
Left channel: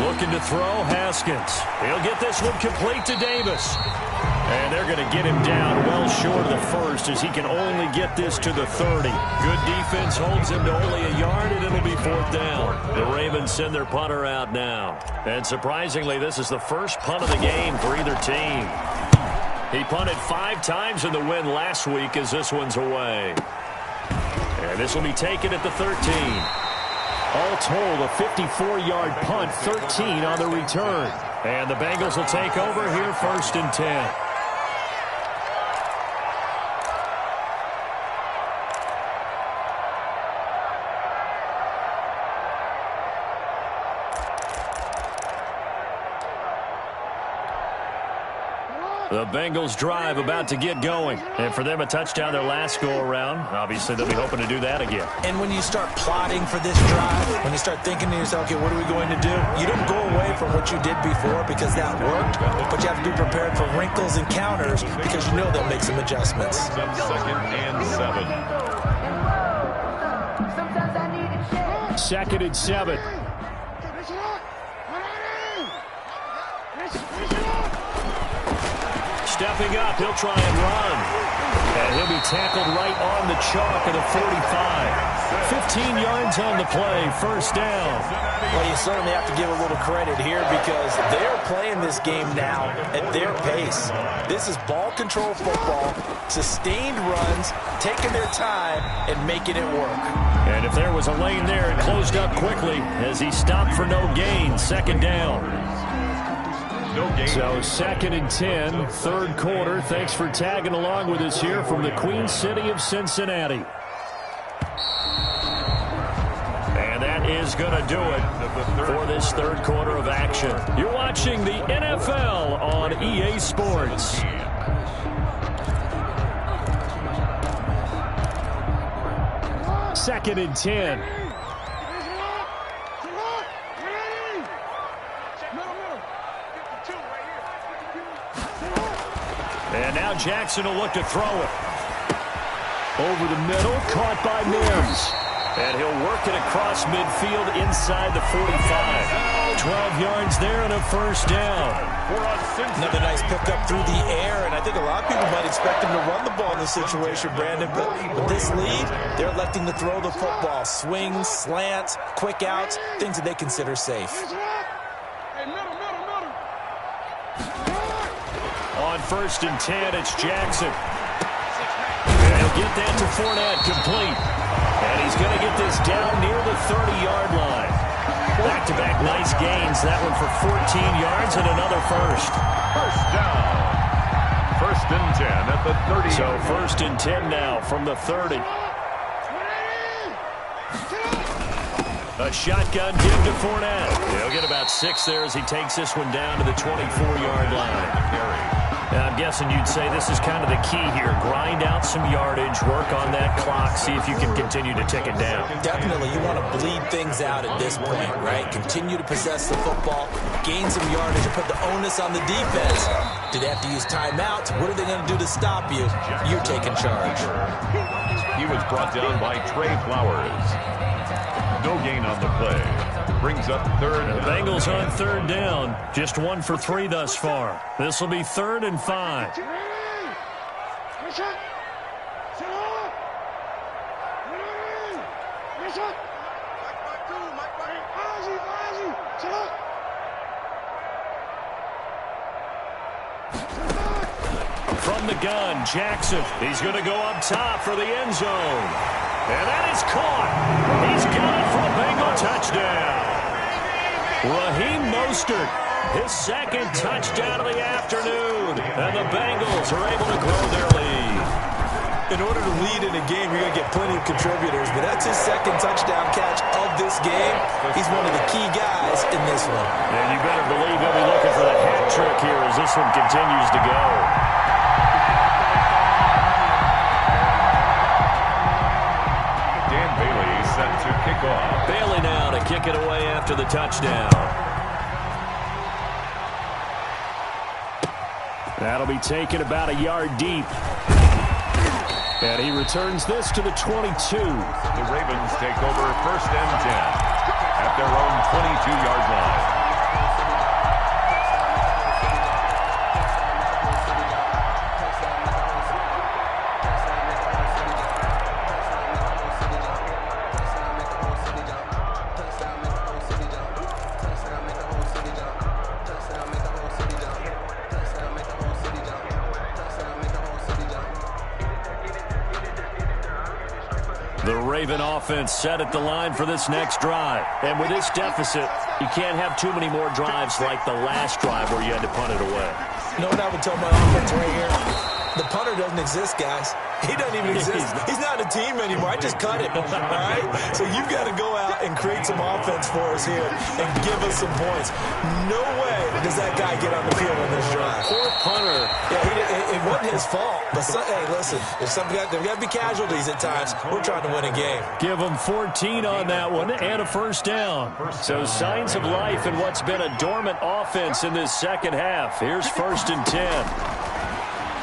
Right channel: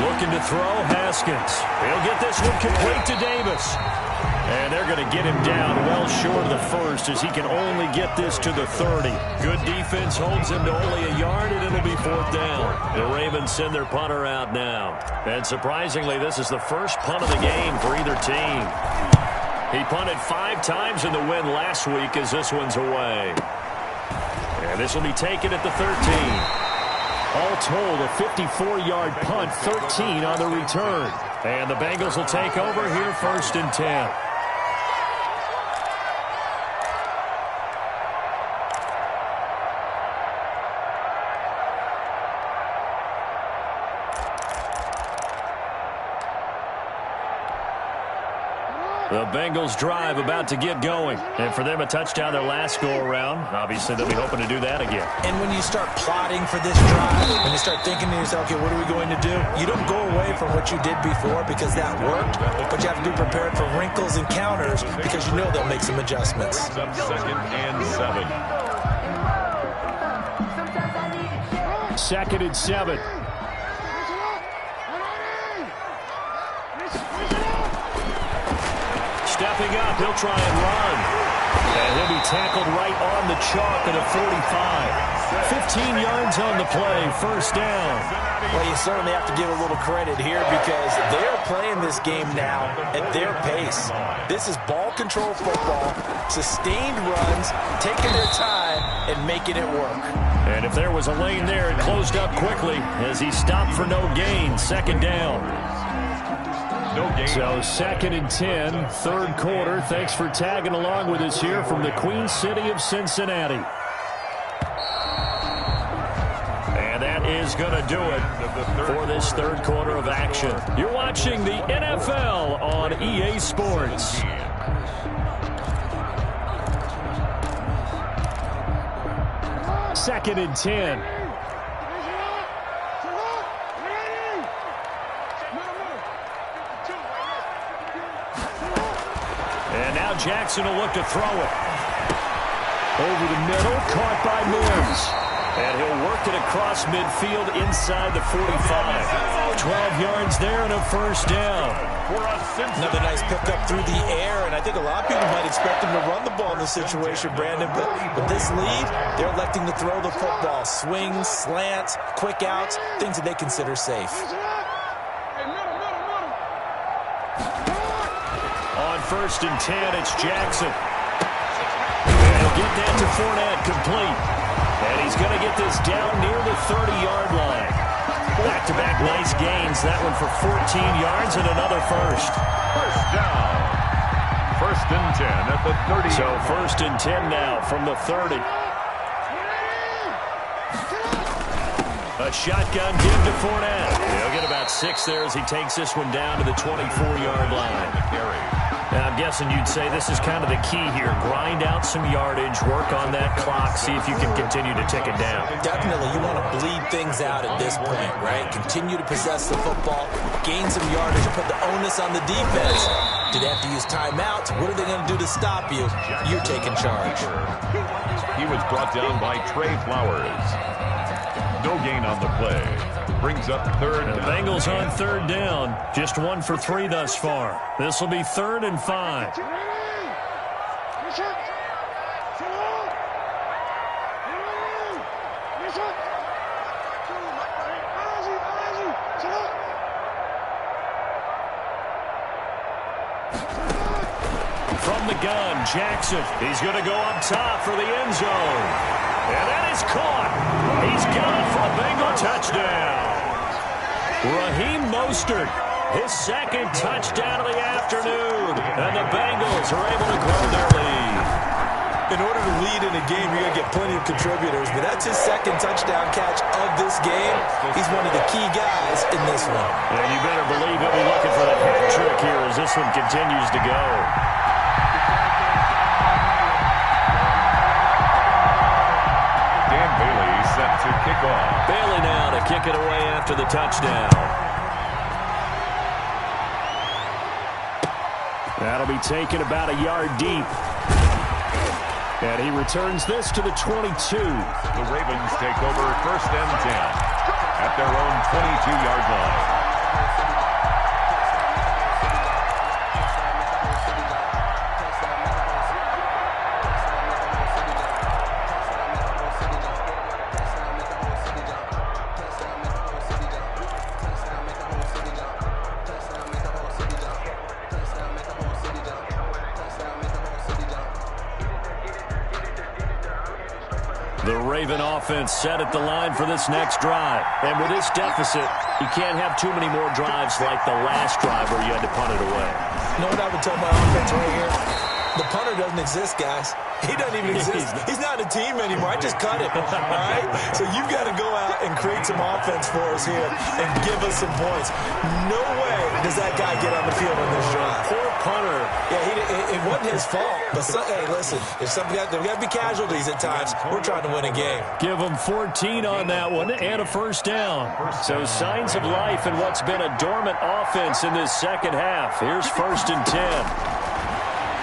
Looking to throw, Haskins. He'll get this one complete to Davis. And they're going to get him down well short of the first as he can only get this to the 30. Good defense holds him to only a yard, and it'll be 4th down. The Ravens send their punter out now. And surprisingly, this is the first punt of the game for either team. He punted 5 times in the win last week as this one's away. And this will be taken at the 13. All told, a 54-yard punt, 13 on the return. And the Bengals will take over here 1st and 10. The Bengals drive about to get going. And for them, a touchdown their last go-around. Obviously, they'll be hoping to do that again. And when you start plotting for this drive, when you start thinking to yourself, okay, what are we going to do? You don't go away from what you did before because that worked, but you have to be prepared for wrinkles and counters because you know they'll make some adjustments. Second and 7. Second and 7. Stepping up, he'll try and run. And he'll be tackled right on the chalk of the 45. 15 yards on the play, first down. Well, you certainly have to give a little credit here because they're playing this game now at their pace. This is ball control football, sustained runs, taking their time and making it work. And if there was a lane there, it closed up quickly as he stopped for no gain, second down. So second and 10, third quarter. Thanks for tagging along with us here from the Queen City of Cincinnati. And that is going to do it for this third quarter of action. You're watching the NFL on EA Sports. Second and 10. And now Jackson will look to throw it. Over the middle, caught by Mims. And he'll work it across midfield inside the 45. 12 yards there and a first down. Another nice pickup through the air, and I think a lot of people might expect him to run the ball in this situation, Brandon. But with this lead, they're electing to throw the football. Swings, slants, quick outs, things that they consider safe. On first and 10, it's Jackson. And he'll get that to Fournette, complete. And he's going to get this down near the 30-yard line. Back-to-back nice gains. That one for 14 yards and another first. First down. First and 10 at the 30. So first and 10 now from the 30. A shotgun give to Fournette. He'll get about 6 there as he takes this one down to the 24-yard line. Now, I'm guessing you'd say this is kind of the key here. Grind out some yardage, work on that clock, see if you can continue to tick it down. Definitely, you want to bleed things out at this point, right? Continue to possess the football, gain some yardage, and put the onus on the defense. Do they have to use timeouts? What are they going to do to stop you? You're taking charge. He was brought down by Trey Flowers. No gain on the play. Brings up third down. The Bengals on third down. Just 1 for 3 thus far. This will be 3rd and 5. From the gun, Jackson. He's going to go up top for the end zone. And that is caught. He's got it for a Bengal touchdown. Raheem Mostert, his second touchdown of the afternoon. And the Bengals are able to grow their lead. In order to lead in a game, you're going to get plenty of contributors, but that's his second touchdown catch of this game. He's one of the key guys in this one. And you better believe he'll be looking for the hat trick here as this one continues to go. Bailey set to kick off. Bailey now to kick it away after the touchdown. That'll be taken about a yard deep. And he returns this to the 22. The Ravens take over first and 10 at their own 22-yard line. The Raven offense set at the line for this next drive. And with this deficit, you can't have too many more drives like the last drive where you had to punt it away. You know what I would tell my offense right here? The punter doesn't exist, guys. He doesn't even exist. He's not a team anymore. I just cut him, all right? So you've got to go out and create some offense for us here and give us some points. No way does that guy get on the field on this drive. Poor punter. Yeah, it wasn't his fault. But, hey, listen, there's got to be casualties at times. We're trying to win a game. Give them 14 on that one and a first down. So signs of life in what's been a dormant offense in this second half. Here's 1st and 10.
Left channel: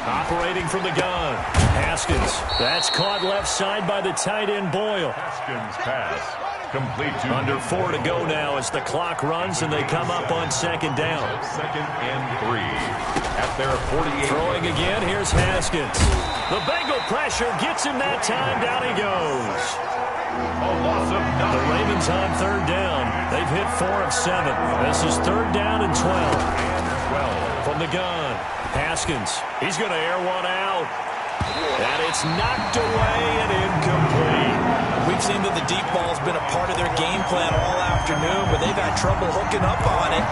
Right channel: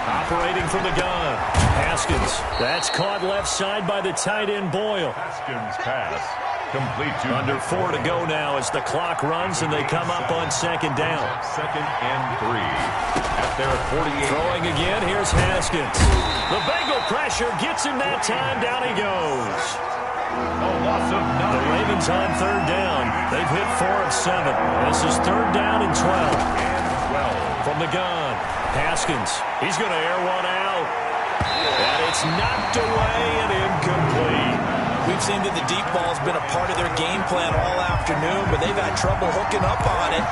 Operating from the gun, Haskins. That's caught left side by the tight end Boyle. Haskins pass complete to under 4 to go now as the clock runs and they come up on 2nd down. 2nd and 3 at their 48. Throwing again, here's Haskins. The Bengal pressure gets him that time. Down he goes. A loss of 9. The Ravens on 3rd down. They've hit 4 of 7. This is 3rd down and 12. From the gun, Haskins. He's going to air one out. And it's knocked away and incomplete. We've seen that the deep ball's been a part of their game plan all afternoon, but they've had trouble hooking up on it,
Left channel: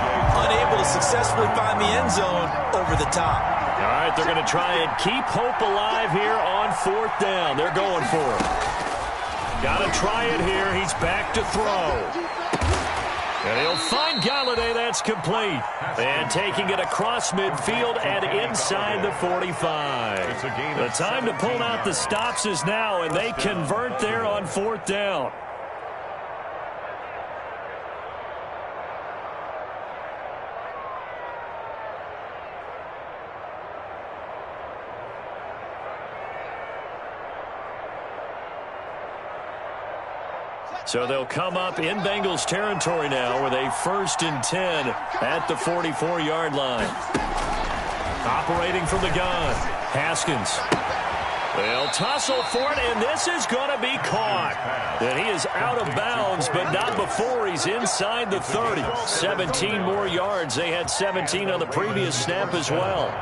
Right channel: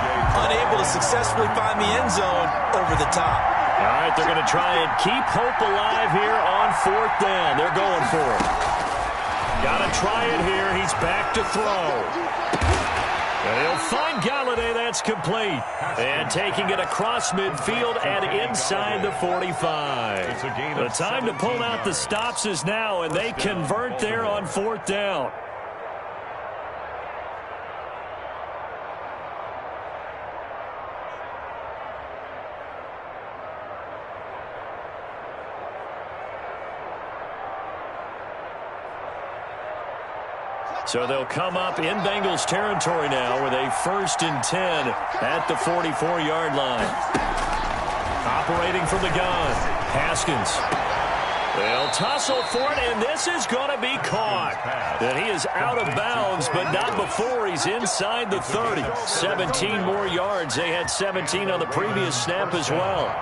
unable to successfully find the end zone over the top. All right, they're going to try and keep hope alive here on 4th down. They're going for it. Got to try it here. He's back to throw. And he'll find Galladay. That's complete. And taking it across midfield and inside the 45. The time to pull out the stops is now, and they convert there on 4th down. So they'll come up in Bengals territory now with a 1st and 10 at the 44-yard line. Operating from the gun, Haskins. They'll tussle for it, and this is going to be caught. And he is out of bounds, but not before he's inside the 30. 17 more yards. They had 17 on the previous snap as well.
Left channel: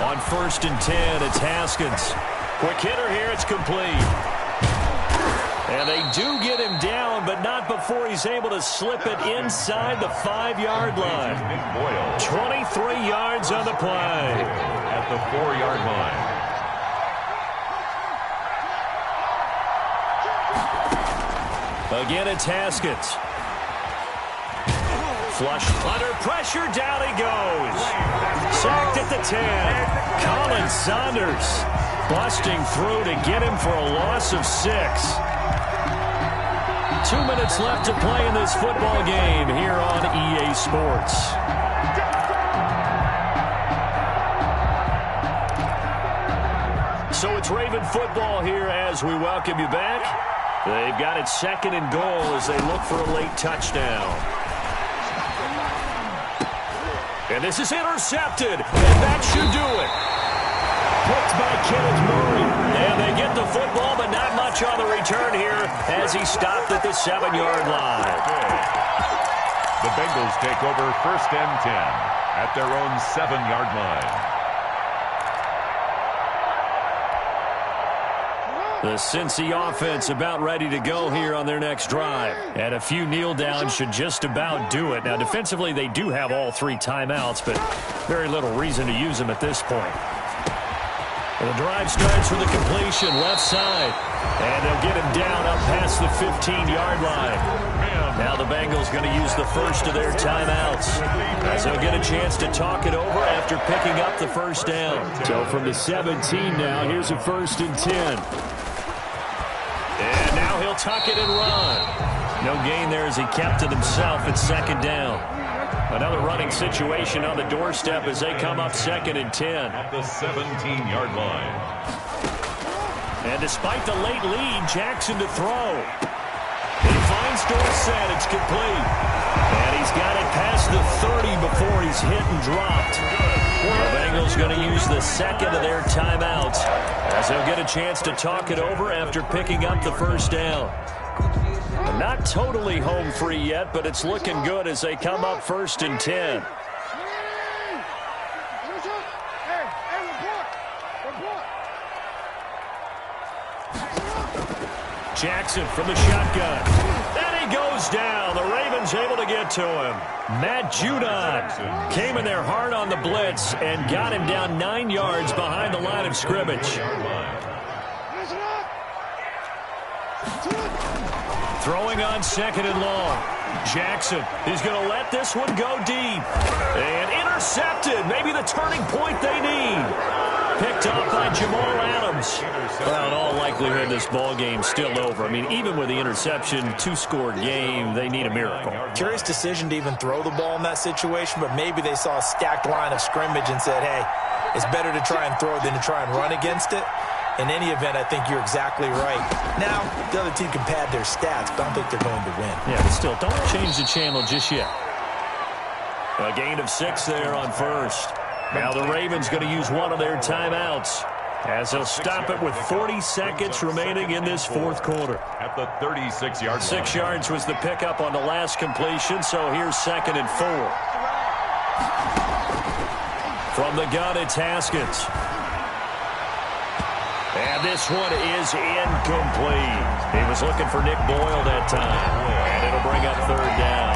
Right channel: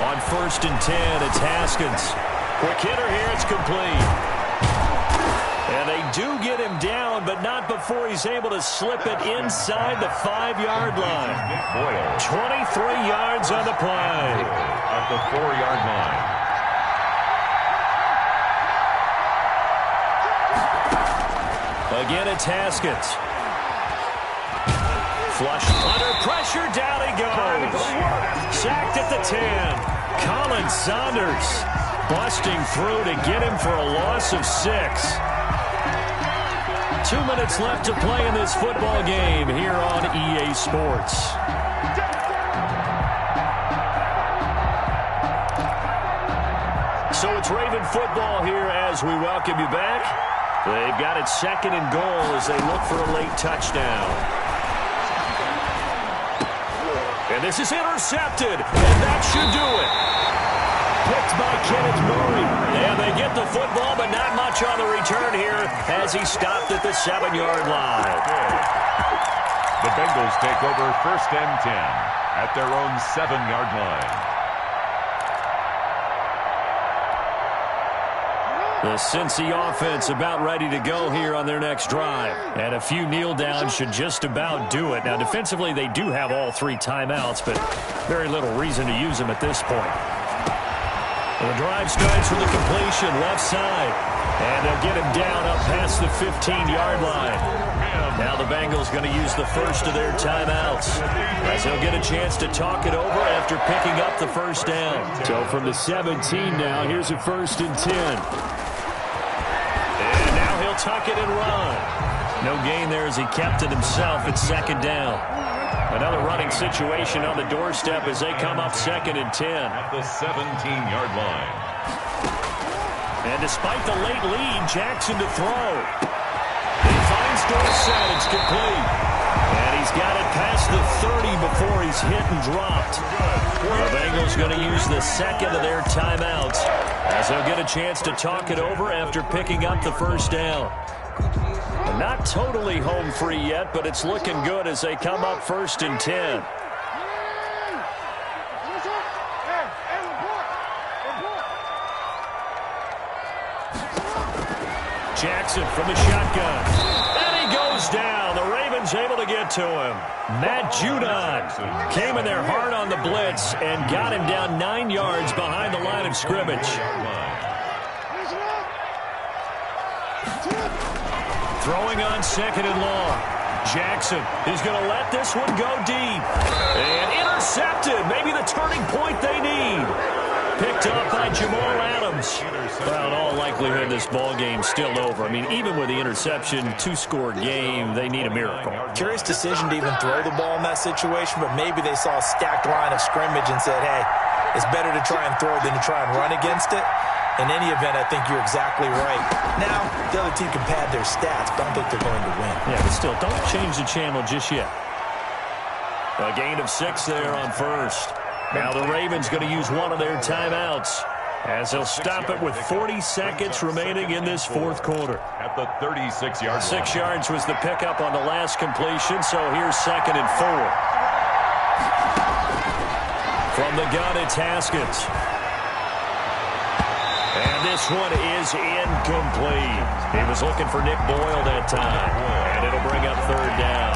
On 1st and 10, it's Haskins. Quick hitter here, it's complete. And they do get him down, but not before he's able to slip it inside the 5-yard line. 23 yards on the play. At the 4-yard line. Again, it's Haskins. Flush under pressure, down he goes. Sacked at the 10. Colin Saunders busting through to get him for a loss of 6. 2 minutes left to play in this football game here on EA Sports. So it's Raven football here as we welcome you back. They've got it 2nd and goal as they look for a late touchdown. And this is intercepted, and that should do it. Picked by Kenneth Murray. And they get the football, but not much on the return here as he stopped at the 7-yard line. The Bengals take over 1st and 10 at their own 7-yard line. The Cincy offense about ready to go here on their next drive. And a few kneel downs should just about do it. Now, defensively, they do have all 3 timeouts, but very little reason to use them at this point. The drive starts with a completion left side. And they'll get him down up past the 15-yard line. Now the Bengals going to use the first of their timeouts as they'll get a chance to talk it over after picking up the first down. So from the 17 now, here's a 1st and 10. And now he'll tuck it and run. No gain there as he kept it himself at 2nd down. Another running situation on the doorstep as they come up 2nd and 10. At the 17-yard line. And despite the late lead, Jackson to throw. He finds Dorsett. It's complete. And he's got it past the 30 before he's hit and dropped. The Bengals going to use the 2nd of their timeouts as they'll get a chance to talk it over after picking up the first down. Not totally home free yet, but it's looking good as they come up 1st and 10. Jackson from the shotgun. And he goes down. The Ravens able to get to him. Matt Judon came in there hard on the blitz and got him down 9 yards behind the line of scrimmage. Throwing on 2nd and long. Jackson is going to let this one go deep. And intercepted. Maybe the turning point they need. Picked up by Jamal Adams. Well, in all likelihood, this ball game's still over. I mean, even with the interception, 2-score game, they need a miracle. Curious decision to even throw the ball in that situation, but maybe they saw a stacked line of scrimmage and said, hey, it's better to try and throw than to try and run against it. In any event, I think you're exactly right. Now, the other team can pad their stats, but I don't think they're going to win. Yeah, but still, don't change the channel just yet. A gain of 6 there on first. Now the Ravens going to use one of their timeouts as they'll stop it with 40 seconds remaining in this 4th quarter. At the 36-yard line. 6 yards was the pickup on the last completion, so here's 2nd and 4. From the gun, it's Haskins. And this one is incomplete. He was looking for Nick Boyle that time, and it'll bring up 3rd down.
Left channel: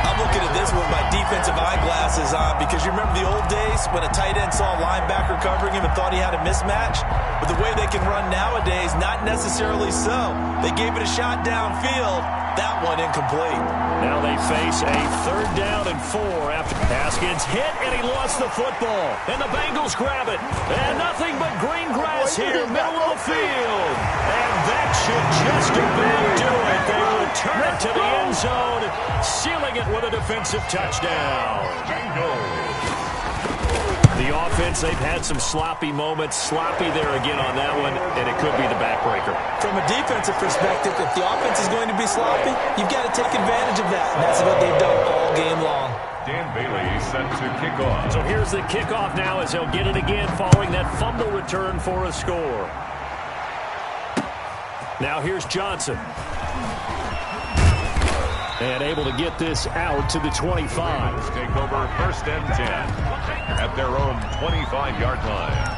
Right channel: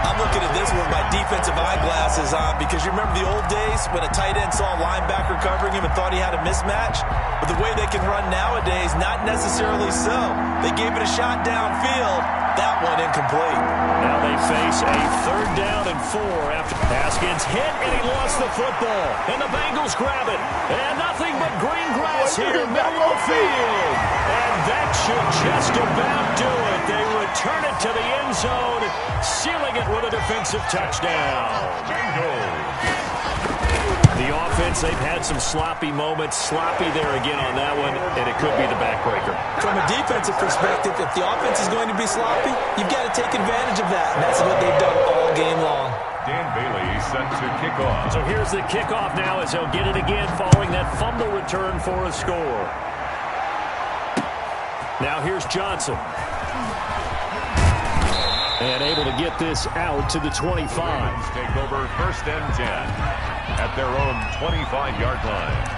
I'm looking at this with my defensive eyeglasses on because you remember the old days when a tight end saw a linebacker covering him and thought he had a mismatch? But the way they can run nowadays, not necessarily so. They gave it a shot downfield. That one incomplete. Now they face a 3rd down and 4 after Haskins hit and he lost the football. And the Bengals grab it. And nothing but green grass here, middle of the field. And that should just about do it. They return it to the end zone, sealing it with a defensive touchdown. The offense, they've had some sloppy moments. Sloppy there again on that one, and it could be the backbreaker. From a defensive perspective, if the offense is going to be sloppy, you've got to take advantage of that, and that's what they've done all game long. Dan Bailey set to kick off. So here's the kickoff now as they'll get it again following that fumble return for a score. Now here's Johnson. And able to get this out to the 25. Take over 1st and 10 at their own 25-yard line.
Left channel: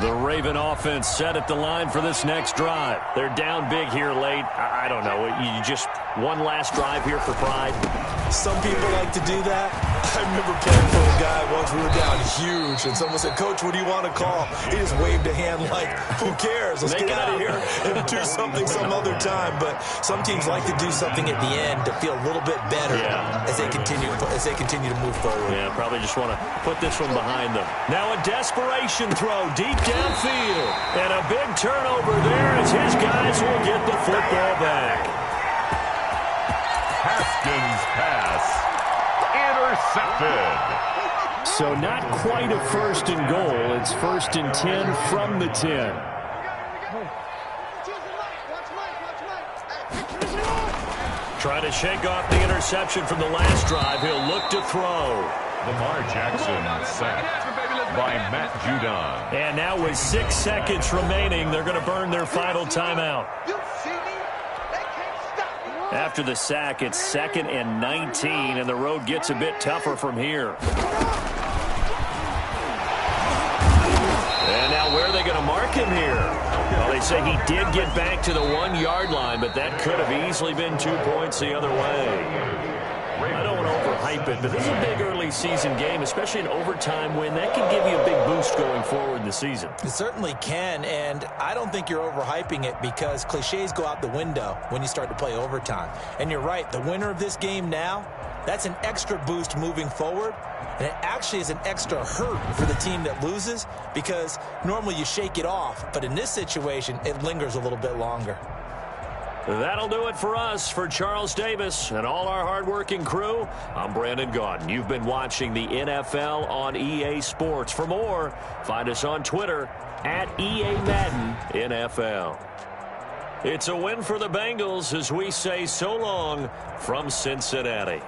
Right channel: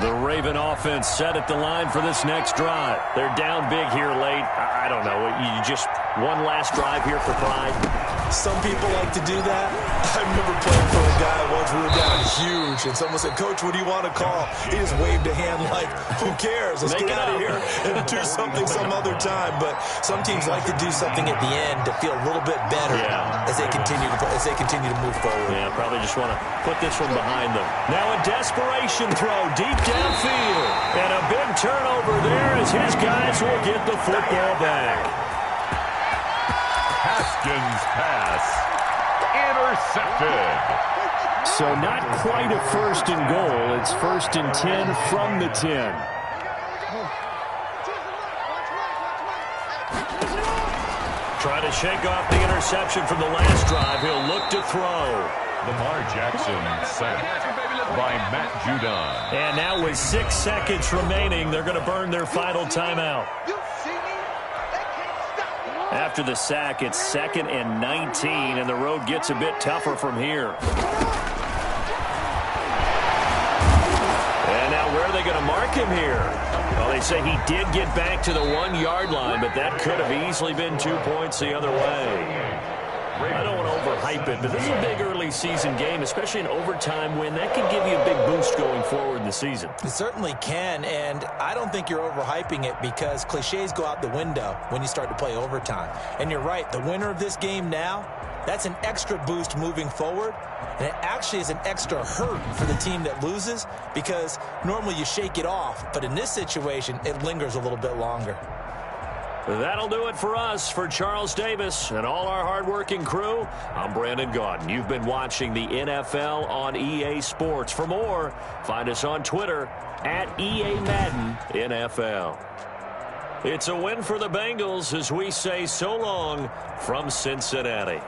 The Raven offense set at the line for this next drive. They're down big here late. I don't know. You just one last drive here for pride. Some people like to do that. I remember playing for a guy once. We were down huge, and someone said, Coach, what do you want to call? He just waved a hand like, who cares? Let's get out of here and do something some other time. But some teams like to do something at the end to feel a little bit better as they continue to move forward. Yeah, probably just want to put this one behind them. Now a desperation throw deep downfield. And a big turnover there as his guys will get the football back. Haskins pass. Intercepted. So not quite a 1st and goal. It's 1st and 10 from the 10. Trying to shake off the interception from the last drive. He'll look to throw. Lamar Jackson sacked by Matt Judon. And now with 6 seconds remaining, they're going to burn their final timeout. After the sack, it's 2nd and 19, and the road gets a bit tougher from here. And now where are they going to mark him here? Well, they say he did get back to the 1-yard line, but that could have easily been 2 points the other way. I don't want to overhype it, but this is a big early season game, especially an overtime win. That can give you a big boost going forward in the season. It certainly can, and I don't think you're overhyping it because cliches go out the window when you start to play overtime. And you're right, the winner of this game now, that's an extra boost moving forward, and it actually is an extra hurt for the team that loses because normally you shake it off, but in this situation, it lingers a little bit longer. That'll do it for us. For Charles Davis and all our hardworking crew, I'm Brandon Gaudin. You've been watching the NFL on EA Sports. For more, find us on Twitter at EA Madden NFL. It's a win for the Bengals as we say so long from Cincinnati.